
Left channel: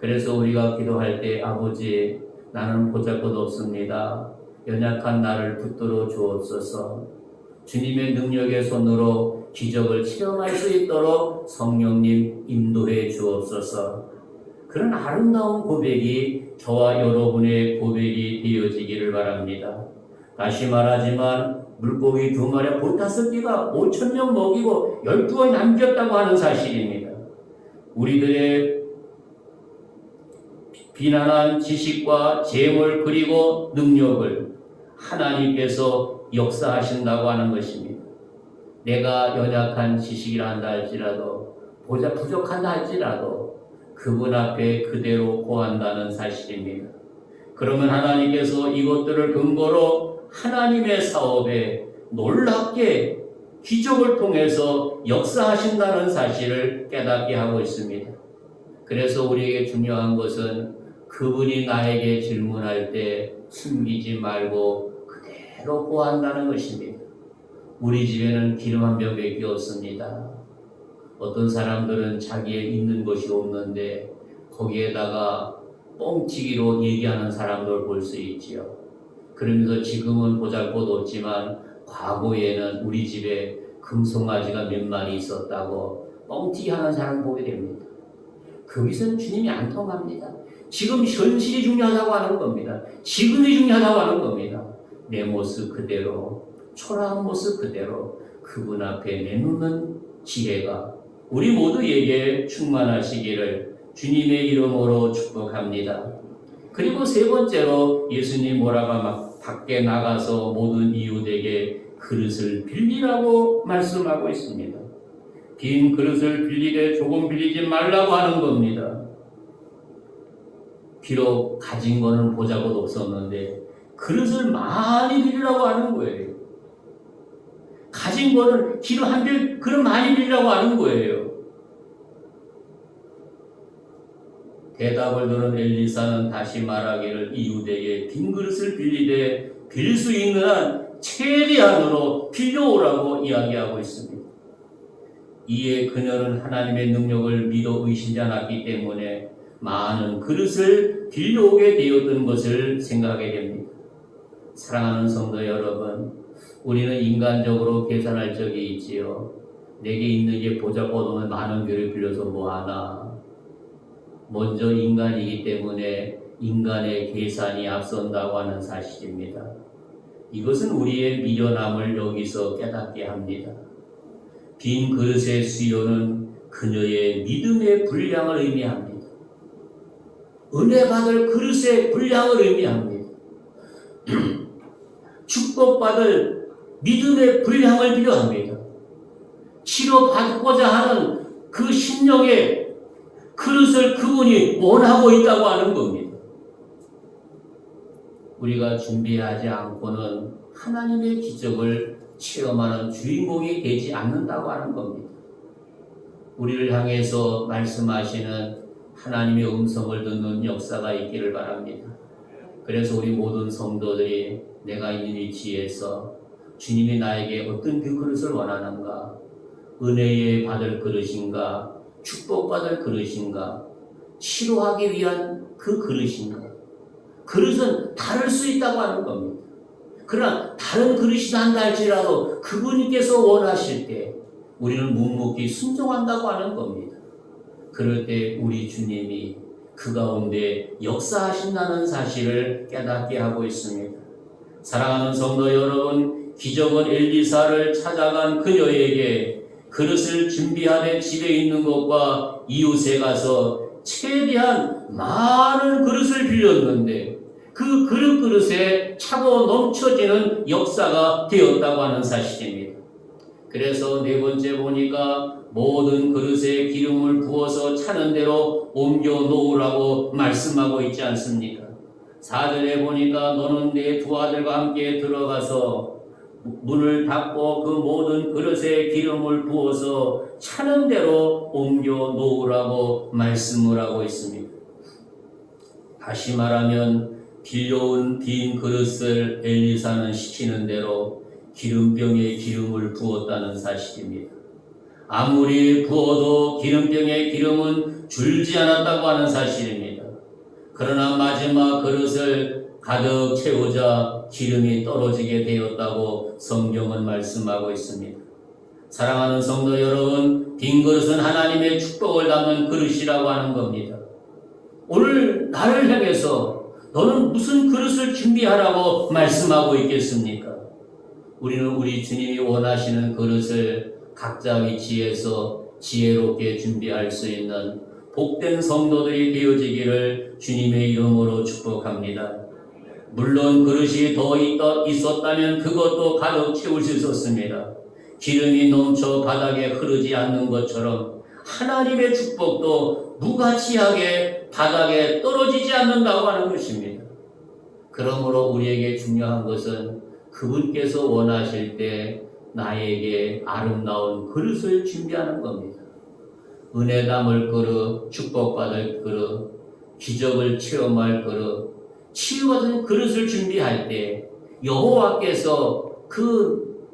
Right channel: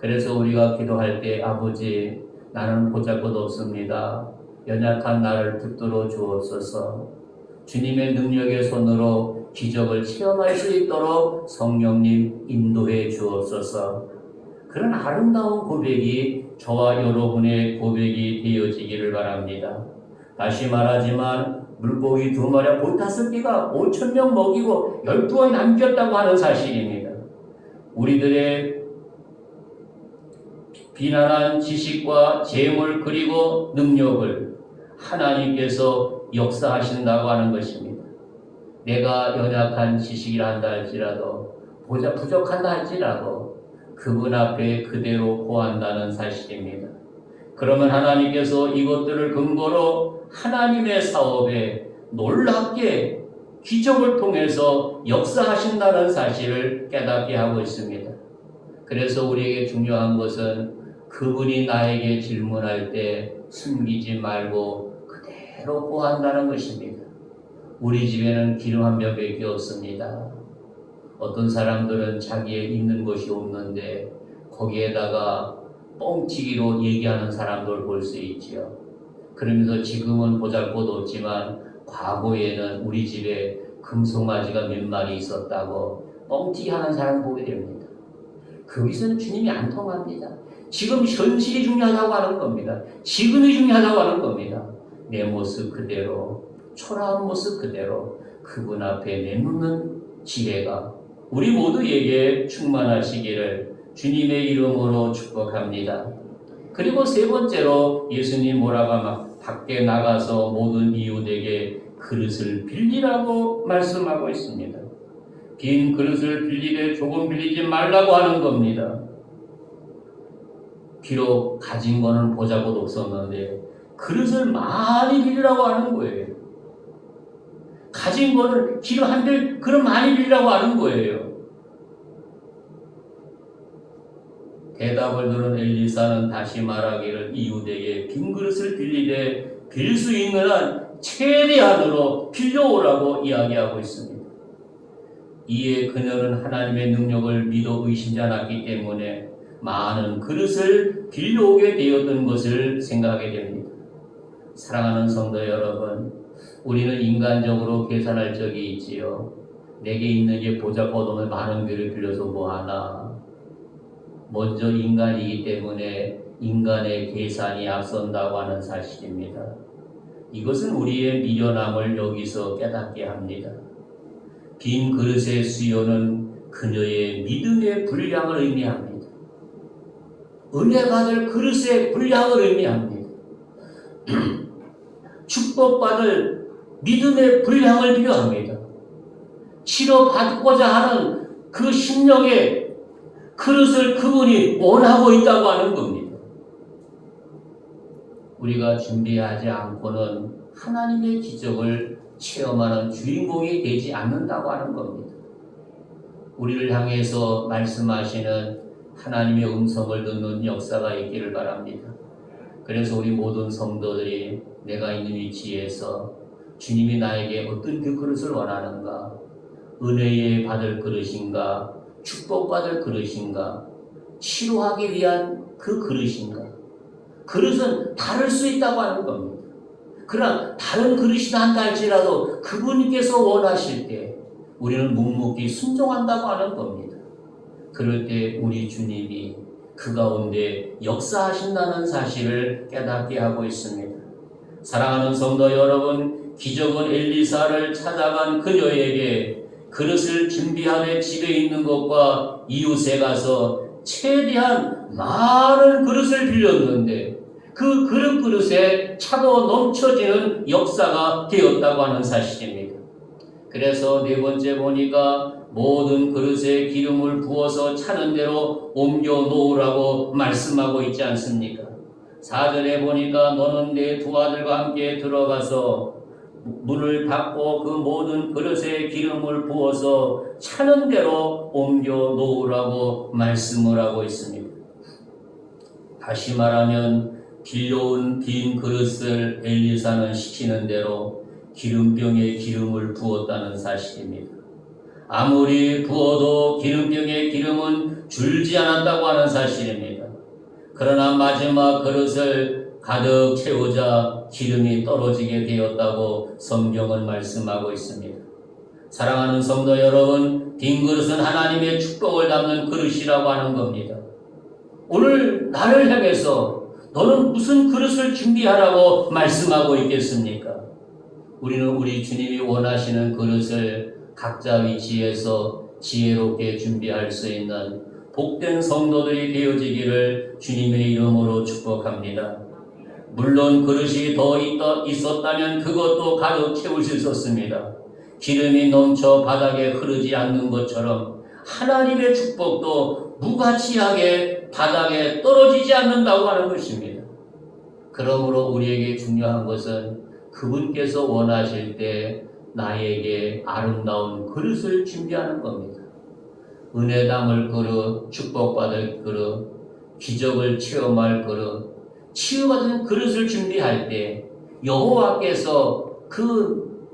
그래서 우리가 기도할 때 아버지 나는 보잘것없습니다. 연약한 나를 붙들어 주옵소서. 주님의 능력의 손으로 기적을 체험할 수 있도록 성령님 인도해 주옵소서. 그런 아름다운 고백이 저와 여러분의 고백이 되어지기를 바랍니다. 다시 말하지만 물고기 2마리와 보 5개가 5,000명 먹이고 12원 남겼다고 하는 사실입니다. 우리들의 비난한 지식과 재물 그리고 능력을 하나님께서 역사하신다고 하는 것입니다. 내가 연약한 지식이라 한다 할지라도 부족한다 할지라도 그분 앞에 그대로 고한다는 사실입니다. 그러면 하나님께서 이것들을 근거로 하나님의 사업에 놀랍게 기적을 통해서 역사하신다는 사실을 깨닫게 하고 있습니다. 그래서 우리에게 중요한 것은 그분이 나에게 질문할 때 숨기지 말고 그대로 고한다는 것입니다. 우리 집에는 기름 한 병밖에 없습니다. 어떤 사람들은 자기의 있는 것이 없는데 거기에다가 뻥치기로 얘기하는 사람들을 볼 수 있지요. 그러면서 지금은 보잘것없지만 과거에는 우리 집에 금송아지가 몇 마리 있었다고 뻥튀기 하는 사람을 보게 됩니다. 거기서는 주님이 안 통합니다. 지금 현실이 중요하다고 하는 겁니다. 지금이 중요하다고 하는 겁니다. 내 모습 그대로, 초라한 모습 그대로 그분 앞에 내놓는 지혜가 우리 모두에게 충만하시기를 주님의 이름으로 축복합니다. 그리고 세 번째로 예수님 뭐라고 밖에 나가서 모든 이웃에게 그릇을 빌리라고 말씀하고 있습니다. 빈 그릇을 빌리되 조금 빌리지 말라고 하는 겁니다. 비록 가진 거는 보잘것 없었는데 그릇을 많이 빌리라고 하는 거예요. 가진 거는 기름 한 병 그릇 많이 빌리라고 하는 거예요. 대답을 들은 엘리사는 다시 말하기를 이웃에게 빈 그릇을 빌리되 빌 수 있는 한 최대한으로 빌려오라고 이야기하고 있습니다. 이에 그녀는 하나님의 능력을 믿어 의심지 않았기 때문에 많은 그릇을 빌려오게 되었던 것을 생각하게 됩니다. 사랑하는 성도 여러분, 우리는 인간적으로 계산할 적이 있지요. 내게 있는 게 보잘것없는 많은 교를 빌려서 뭐하나. 먼저 인간이기 때문에 인간의 계산이 앞선다고 하는 사실입니다. 이것은 우리의 미련함을 여기서 깨닫게 합니다. 빈 그릇의 수요는 그녀의 믿음의 분량을 의미합니다. 은혜 받을 그릇의 분량을 의미합니다. 축복받을 믿음의 분량을 필요합니다. 치료받고자 하는 그 심령의 그릇을 그분이 원하고 있다고 하는 겁니다. 우리가 준비하지 않고는 하나님의 기적을 체험하는 주인공이 되지 않는다고 하는 겁니다. 우리를 향해서 말씀하시는 하나님의 음성을 듣는 역사가 있기를 바랍니다. 그래서 우리 모든 성도들이 내가 있는 위치에서 주님이 나에게 어떤 그 그릇을 원하는가, 은혜에 받을 그릇인가, 축복받을 그릇인가, 치료하기 위한 그 그릇인가. 그릇은 다를 수 있다고 하는 겁니다. 그러나 다른 그릇이다 한다 할지라도 그분께서 원하실 때 우리는 묵묵히 순종한다고 하는 겁니다. 그럴 때 우리 주님이 그 가운데 역사하신다는 사실을 깨닫게 하고 있습니다. 사랑하는 성도 여러분, 기적은 엘리사를 찾아간 그녀에게 그릇을 준비하되 집에 있는 것과 이웃에 가서 최대한 많은 그릇을 빌렸는데 그 그릇에 차고 넘쳐지는 역사가 되었다고 하는 사실입니다. 그래서 네 번째 보니까 모든 그릇에 기름을 부어서 차는 대로 옮겨 놓으라고 말씀하고 있지 않습니까? 4절에 보니까 너는 네 두 아들과 함께 들어가서 문을 닫고 그 모든 그릇에 기름을 부어서 차는 대로 옮겨 놓으라고 말씀을 하고 있습니다. 다시 말하면 빌려온 빈 그릇을 엘리사는 시키는 대로 기름병에 기름을 부었다는 사실입니다. 아무리 부어도 기름병에 기름은 줄지 않았다고 하는 사실입니다. 그러나 마지막 그릇을 가득 채우자 기름이 떨어지게 되었다고 성경은 말씀하고 있습니다. 사랑하는 성도 여러분, 빈 그릇은 하나님의 축복을 담는 그릇이라고 하는 겁니다. 오늘 나를 향해서 너는 무슨 그릇을 준비하라고 말씀하고 있겠습니까? 우리는 우리 주님이 원하시는 그릇을 각자 위치에서 지혜롭게 준비할 수 있는 복된 성도들이 되어지기를 주님의 이름으로 축복합니다. 물론 그릇이 더 있었다면 그것도 가득 채울 수 있었습니다. 기름이 넘쳐 바닥에 흐르지 않는 것처럼 하나님의 축복도 무가치하게 바닥에 떨어지지 않는다고 하는 것입니다. 그러므로 우리에게 중요한 것은 그분께서 원하실 때 나에게 아름다운 그릇을 준비하는 겁니다. 은혜 담을 그릇, 축복받을 그릇, 기적을 체험할 그릇, 치유받은 그릇을 준비할 때 여호와께서 그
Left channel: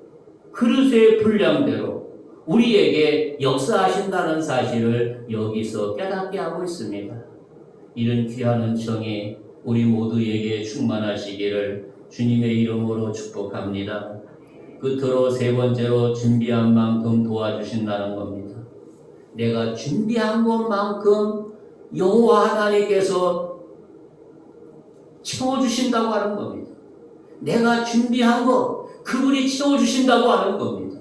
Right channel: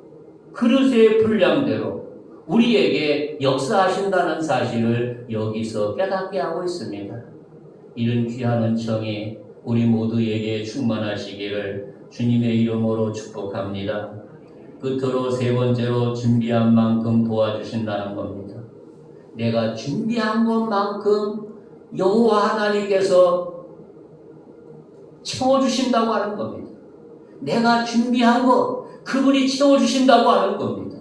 그릇의 분량대로 우리에게 역사하신다는 사실을 여기서 깨닫게 하고 있습니다. 이런 귀한 은총이 우리 모두에게 충만하시기를 주님의 이름으로 축복합니다. 끝으로 세 번째로 준비한 만큼 도와주신다는 겁니다. 내가 준비한 것만큼 여호와 하나님께서 채워주신다고 하는 겁니다. 내가 준비한 것 그분이 채워주신다고 하는 겁니다.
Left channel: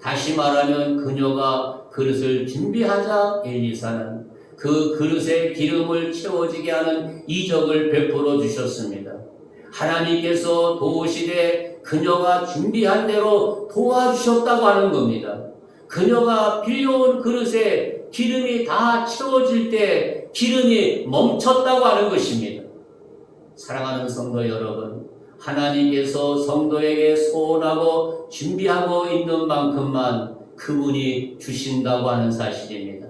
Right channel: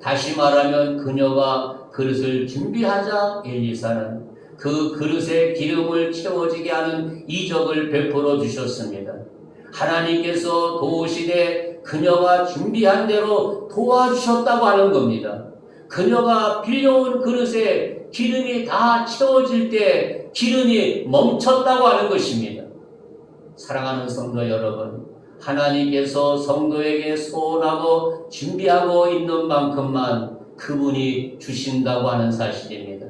다시 말하면 그녀가 그릇을 준비하자 엘리사는 그 그릇에 기름을 채워지게 하는 이적을 베풀어 주셨습니다. 하나님께서 도우시되 그녀가 준비한 대로 도와주셨다고 하는 겁니다. 그녀가 빌려온 그릇에 기름이 다 채워질 때 기름이 멈췄다고 하는 것입니다. 사랑하는 성도 여러분, 하나님께서 성도에게 소원하고 준비하고 있는 만큼만 그분이 주신다고 하는 사실입니다.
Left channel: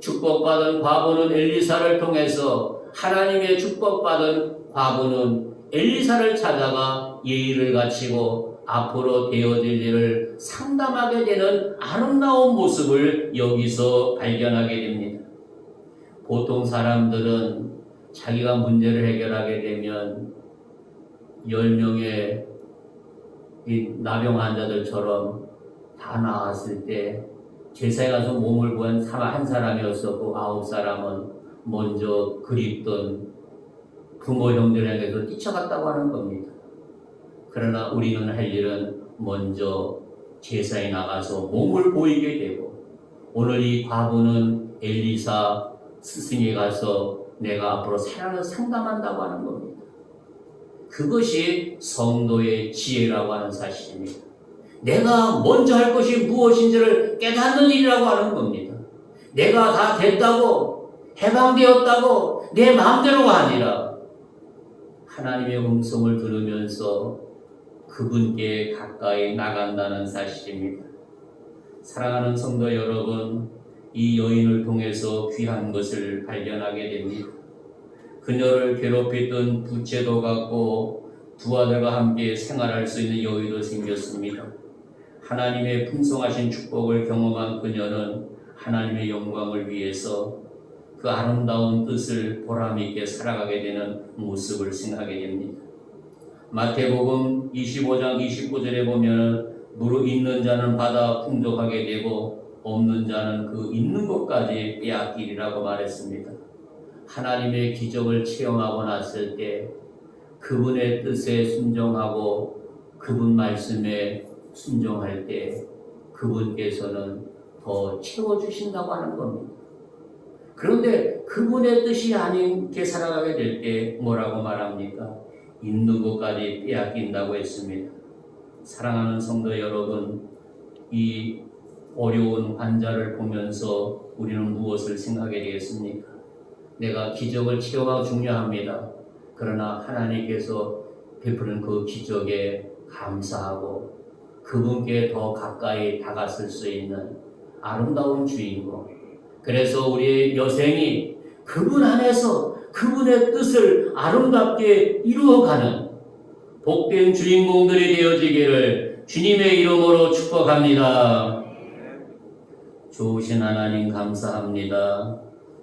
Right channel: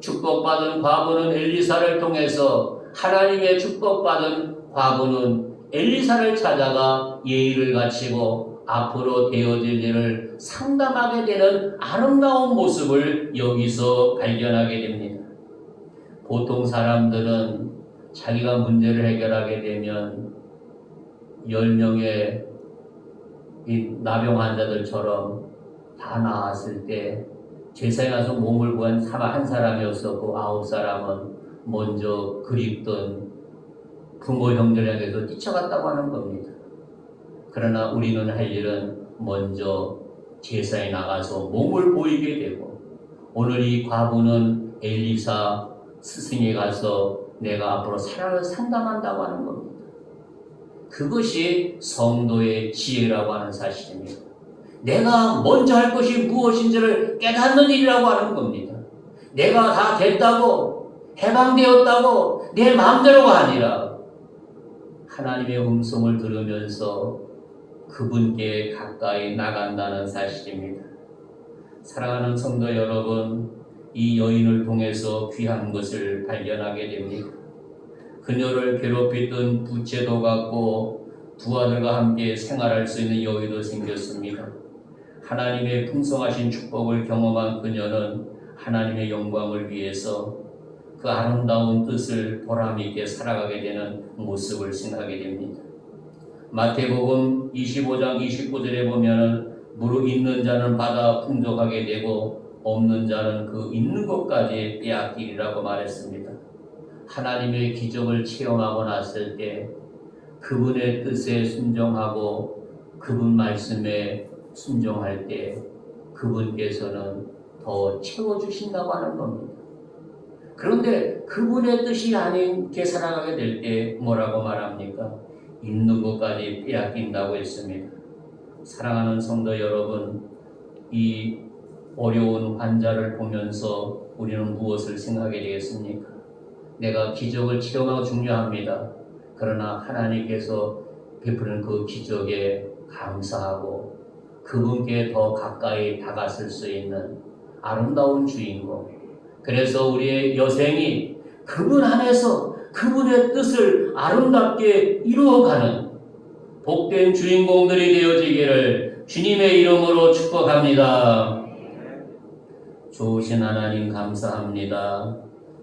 축복받은 과부는 엘리사를 통해서 하나님의 축복받은 과부는 엘리사를 찾아가 예의를 갖추고 앞으로 되어질 일을 상담하게 되는 아름다운 모습을 여기서 발견하게 됩니다. 보통 사람들은 자기가 문제를 해결하게 되면 10명의 이 나병 환자들처럼 다 나았을 때 제사에 가서 몸을 보한 한 사람이었었고 9사람은 먼저 그립던 부모 형제를 향해서 뛰쳐갔다고 하는 겁니다. 그러나 우리는 할 일은 먼저 제사에 나가서 몸을 보이게 되고, 오늘 이 과부는 엘리사 스승에 가서 내가 앞으로 사랑을 상담한다고 하는 겁니다. 그것이 성도의 지혜라고 하는 사실입니다. 내가 먼저 할 것이 무엇인지를 깨닫는 일이라고 하는 겁니다. 내가 다 됐다고, 해방되었다고 내 마음대로가 아니라 하나님의 음성을 들으면서 그분께 가까이 나간다는 사실입니다. 사랑하는 성도 여러분, 이 여인을 통해서 귀한 것을 발견하게 됩니다. 그녀를 괴롭혔던 부채도 갖고 두 아들과 함께 생활할 수 있는 여유도 생겼습니다. 하나님의 풍성하신 축복을 경험한 그녀는 하나님의 영광을 위해서 그 아름다운 뜻을 보람있게 살아가게 되는 모습을 생각하게 됩니다. 마태복음 25장 29절에 보면 무릇 있는 자는 받아 풍족하게 되고 없는 자는 그 있는 것까지 빼앗기리라고 말했습니다. 하나님의 기적을 체험하고 났을 때 그분의 뜻에 순종하고 그분 말씀에 순종할 때 그분께서는 더 채워주신다고 하는 겁니다. 그런데 그분의 뜻이 아닌게 살아가게 될 때 뭐라고 말합니까? 있는 것까지 빼앗긴다고 했습니다. 사랑하는 성도 여러분, 이 어려운 환자를 보면서 우리는 무엇을 생각하게 되겠습니까? 내가 기적을 체험하고 중요합니다. 그러나 하나님께서 베푸는 그 기적에 감사하고 그분께 더 가까이 다가설 수 있는 아름다운 주인공, 그래서 우리의 여생이 그분 안에서 그분의 뜻을 아름답게 이루어가는 복된 주인공들이 되어지기를 주님의 이름으로 축복합니다. 좋으신 하나님 감사합니다.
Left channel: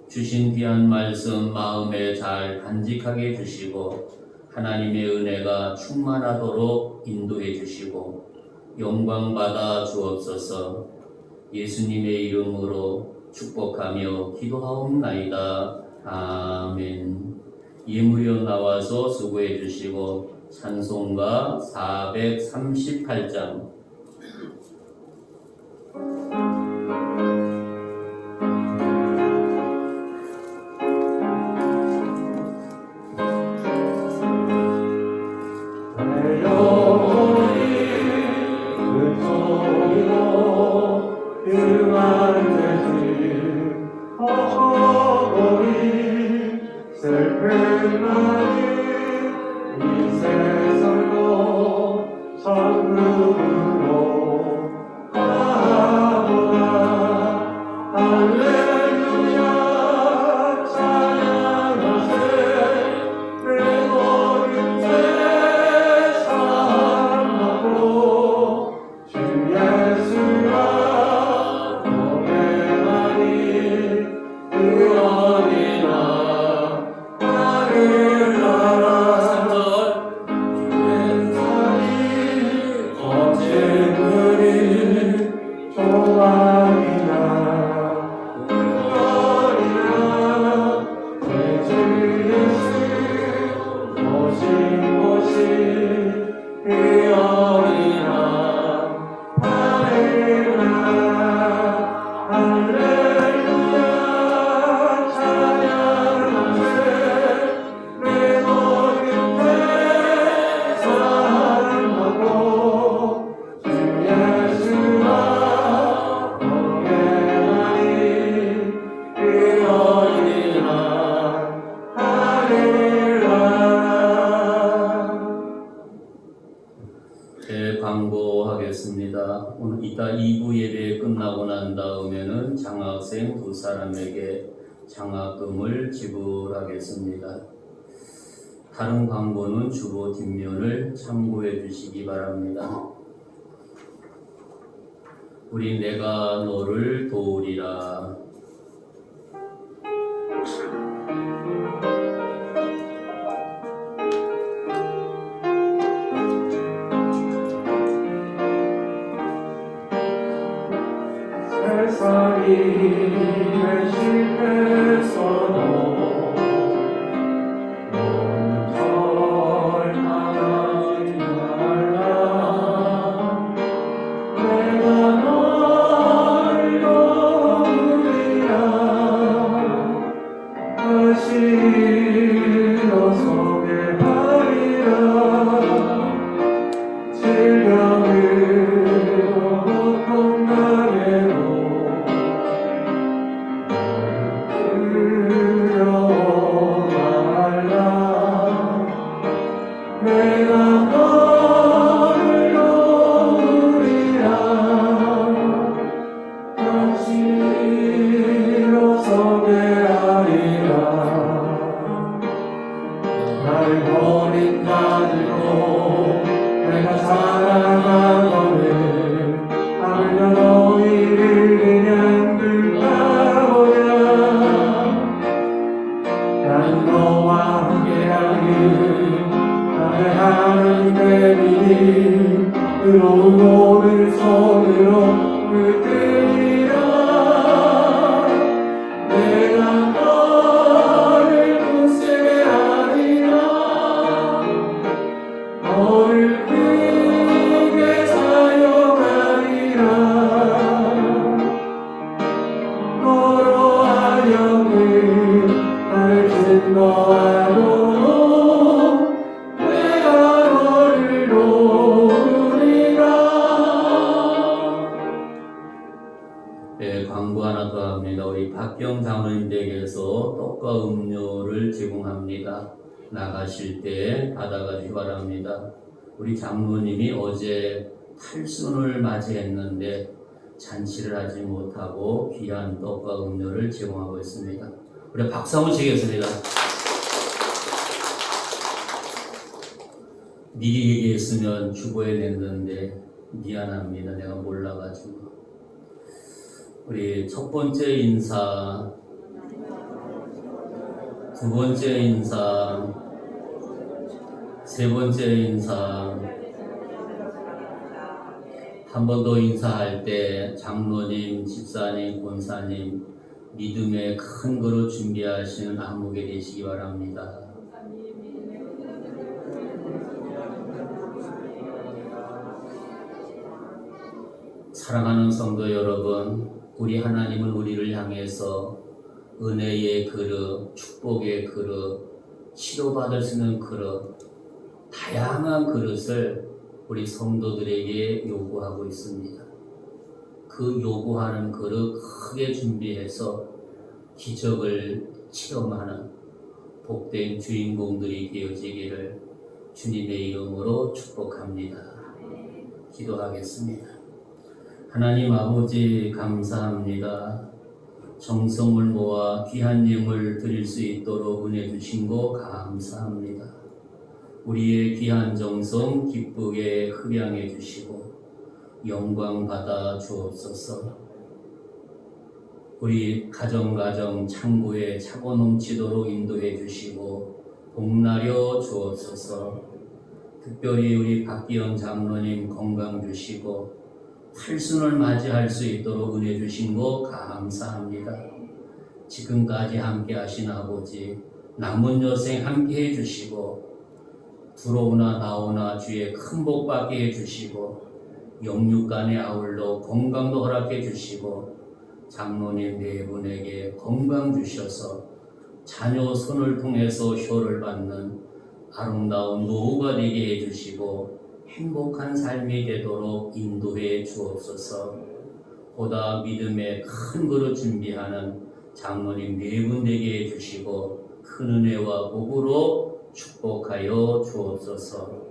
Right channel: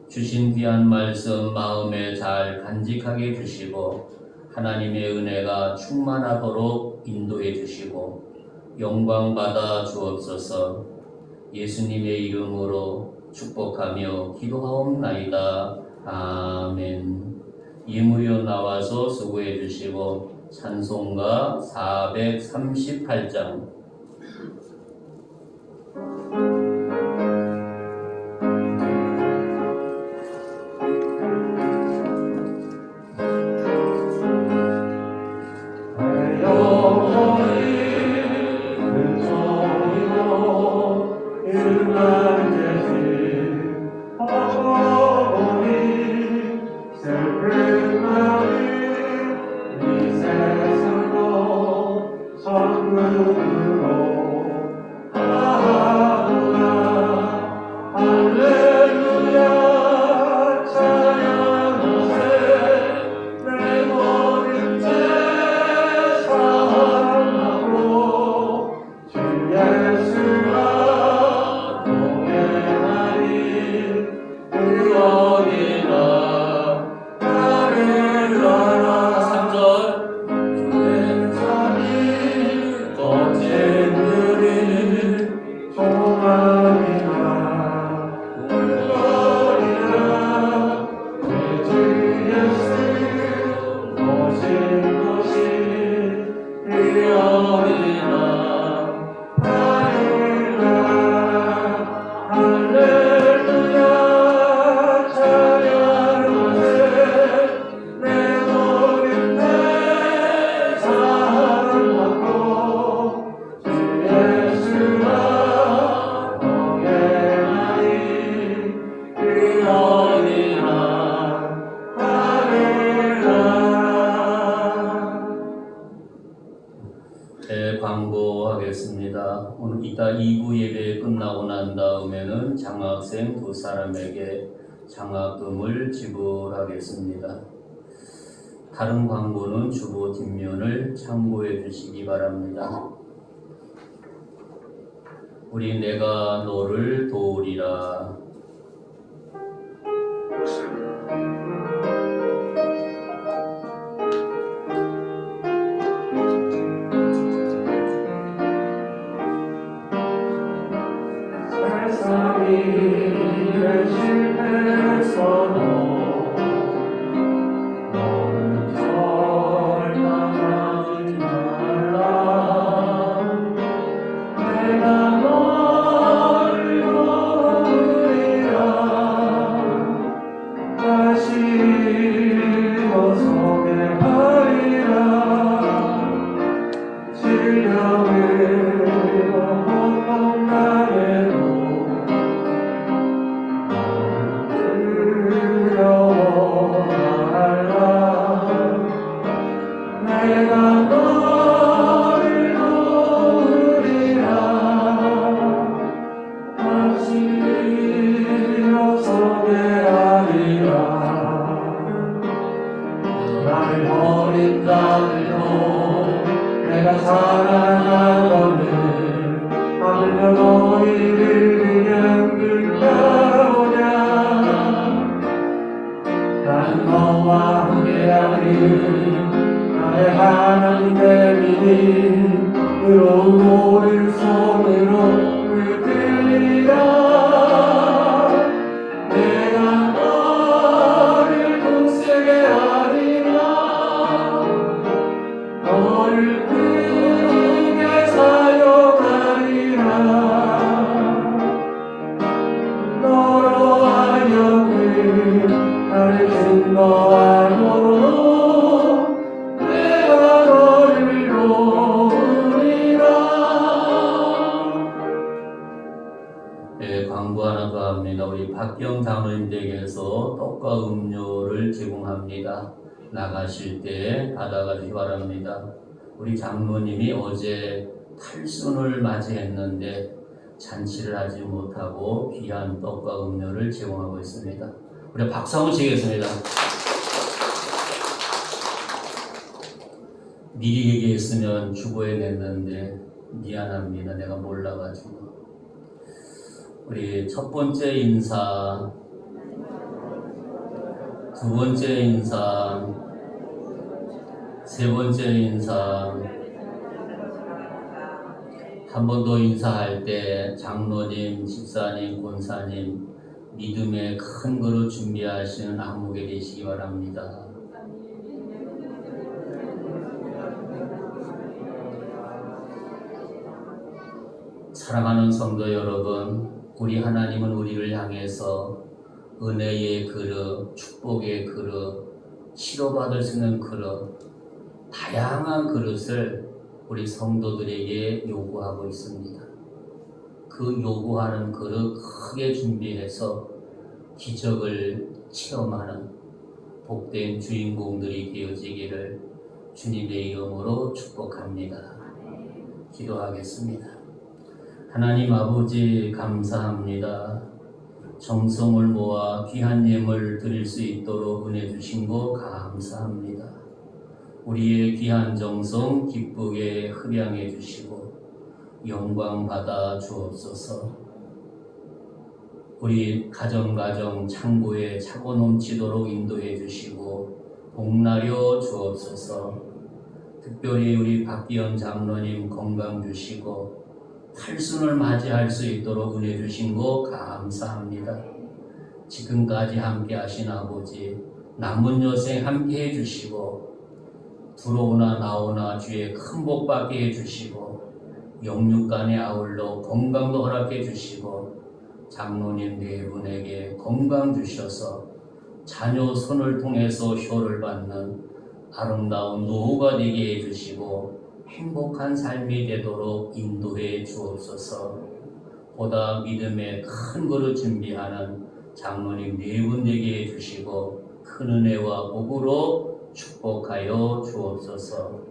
주신 귀한 말씀 마음에 잘 간직하게 해주시고 하나님의 은혜가 충만하도록 인도해 주시고 영광받아 주옵소서. 예수님의 이름으로 축복하며 기도하옵나이다. 아멘. 예물이여 나와서 수고해 주시고 찬송가 438장 광고하겠습니다. 오늘 이따 2부 예배 끝나고 난 다음에는 장학생 두 사람에게 장학금을 지불하겠습니다. 다른 광고는 주보 뒷면을 참고해 주시기 바랍니다. 우리 내가 너를 도우리라. 세상이 내 실패에서 너를 손으로 물들이라 내가 너를 굳세게 하리라 너를 크게 사용하리라 너로 하여금 가르친 바로 내가 너를 도우리라. 네, 광고 하나 더 합니다. 우리 박경 장로님 댁에서 떡과 음료를 제공합니다. 나가실 때 받아가시기 바랍니다. 우리 장로님이 어제 탈순을 맞이했는데 잔치를 하지 못하고 귀한 떡과 음료를 제공하고 있습니다. 우리 박수 한번 치겠습니다. 미리 얘기했으면 주보에 냈는데 미안합니다. 내가 몰라가지고. 우리 첫 번째 인사, 두 번째 인사, 세 번째 인사, 한 번 더 인사할 때 장로님, 집사님, 권사님 믿음의 큰 그릇 준비하시는 안목에 되시기 바랍니다. 사랑하는 성도 여러분, 우리 하나님은 우리를 향해서 은혜의 그릇, 축복의 그릇, 치료받을 수 있는 그릇, 다양한 그릇을 우리 성도들에게 요구하고 있습니다. 그 요구하는 그릇 크게 준비해서 기적을 체험하는 복된 주인공들이 되어지기를 주님의 이름으로 축복합니다. 기도하겠습니다. 하나님 아버지 감사합니다. 정성을 모아 귀한 예물 드릴 수 있도록 은혜 주신 거 감사합니다. 우리의 귀한 정성 기쁘게 흡양해 주시고 영광 받아 주옵소서. 우리 가정 창고에 차고 넘치도록 인도해 주시고 복나려 주옵소서. 특별히 우리 박기영 장로님 건강 주시고 탈순을 맞이할 수 있도록 은혜 주신 거 감사합니다. 지금까지 함께 하신 아버지 남은 여생 함께 해주시고 들어오나 나오나 주의 큰 복 받게 해주시고 영육간에 아울러 건강도 허락해 주시고 장로님 네 분에게 건강 주셔서 자녀 손을 통해서 효를 받는 아름다운 노후가 되게 해주시고 행복한 삶이 되도록 인도해 주옵소서. 보다 믿음의 큰 그릇 준비하는 장로님 네 분 되게 해주시고 큰 은혜와 복으로 축복하여 주옵소서.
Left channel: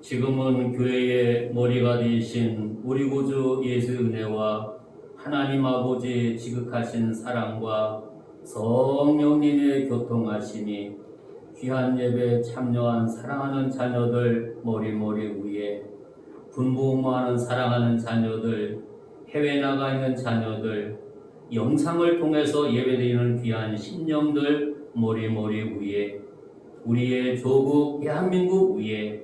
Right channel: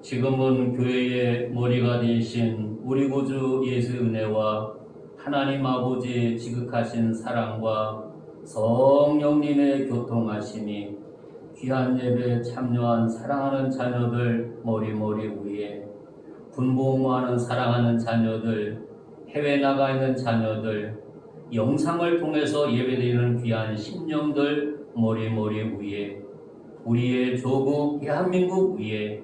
지금은 교회의 머리가 되신 우리 구주 예수의 은혜와 하나님 아버지의 지극하신 사랑과 성령님의 교통하심이 귀한 예배에 참여한 사랑하는 자녀들 머리 위에 분부하는 사랑하는 자녀들 해외 나가 있는 자녀들 영상을 통해서 예배드리는 귀한 신령들 머리 위에 우리의 조국 대한민국 위에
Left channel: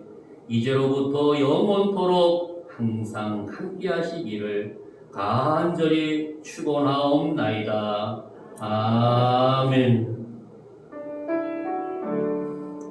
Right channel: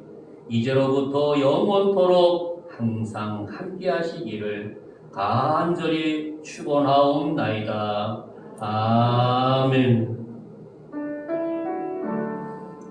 이제로부터 영원토록 항상 함께 하시기를 간절히 축원하옵나이다. 아멘.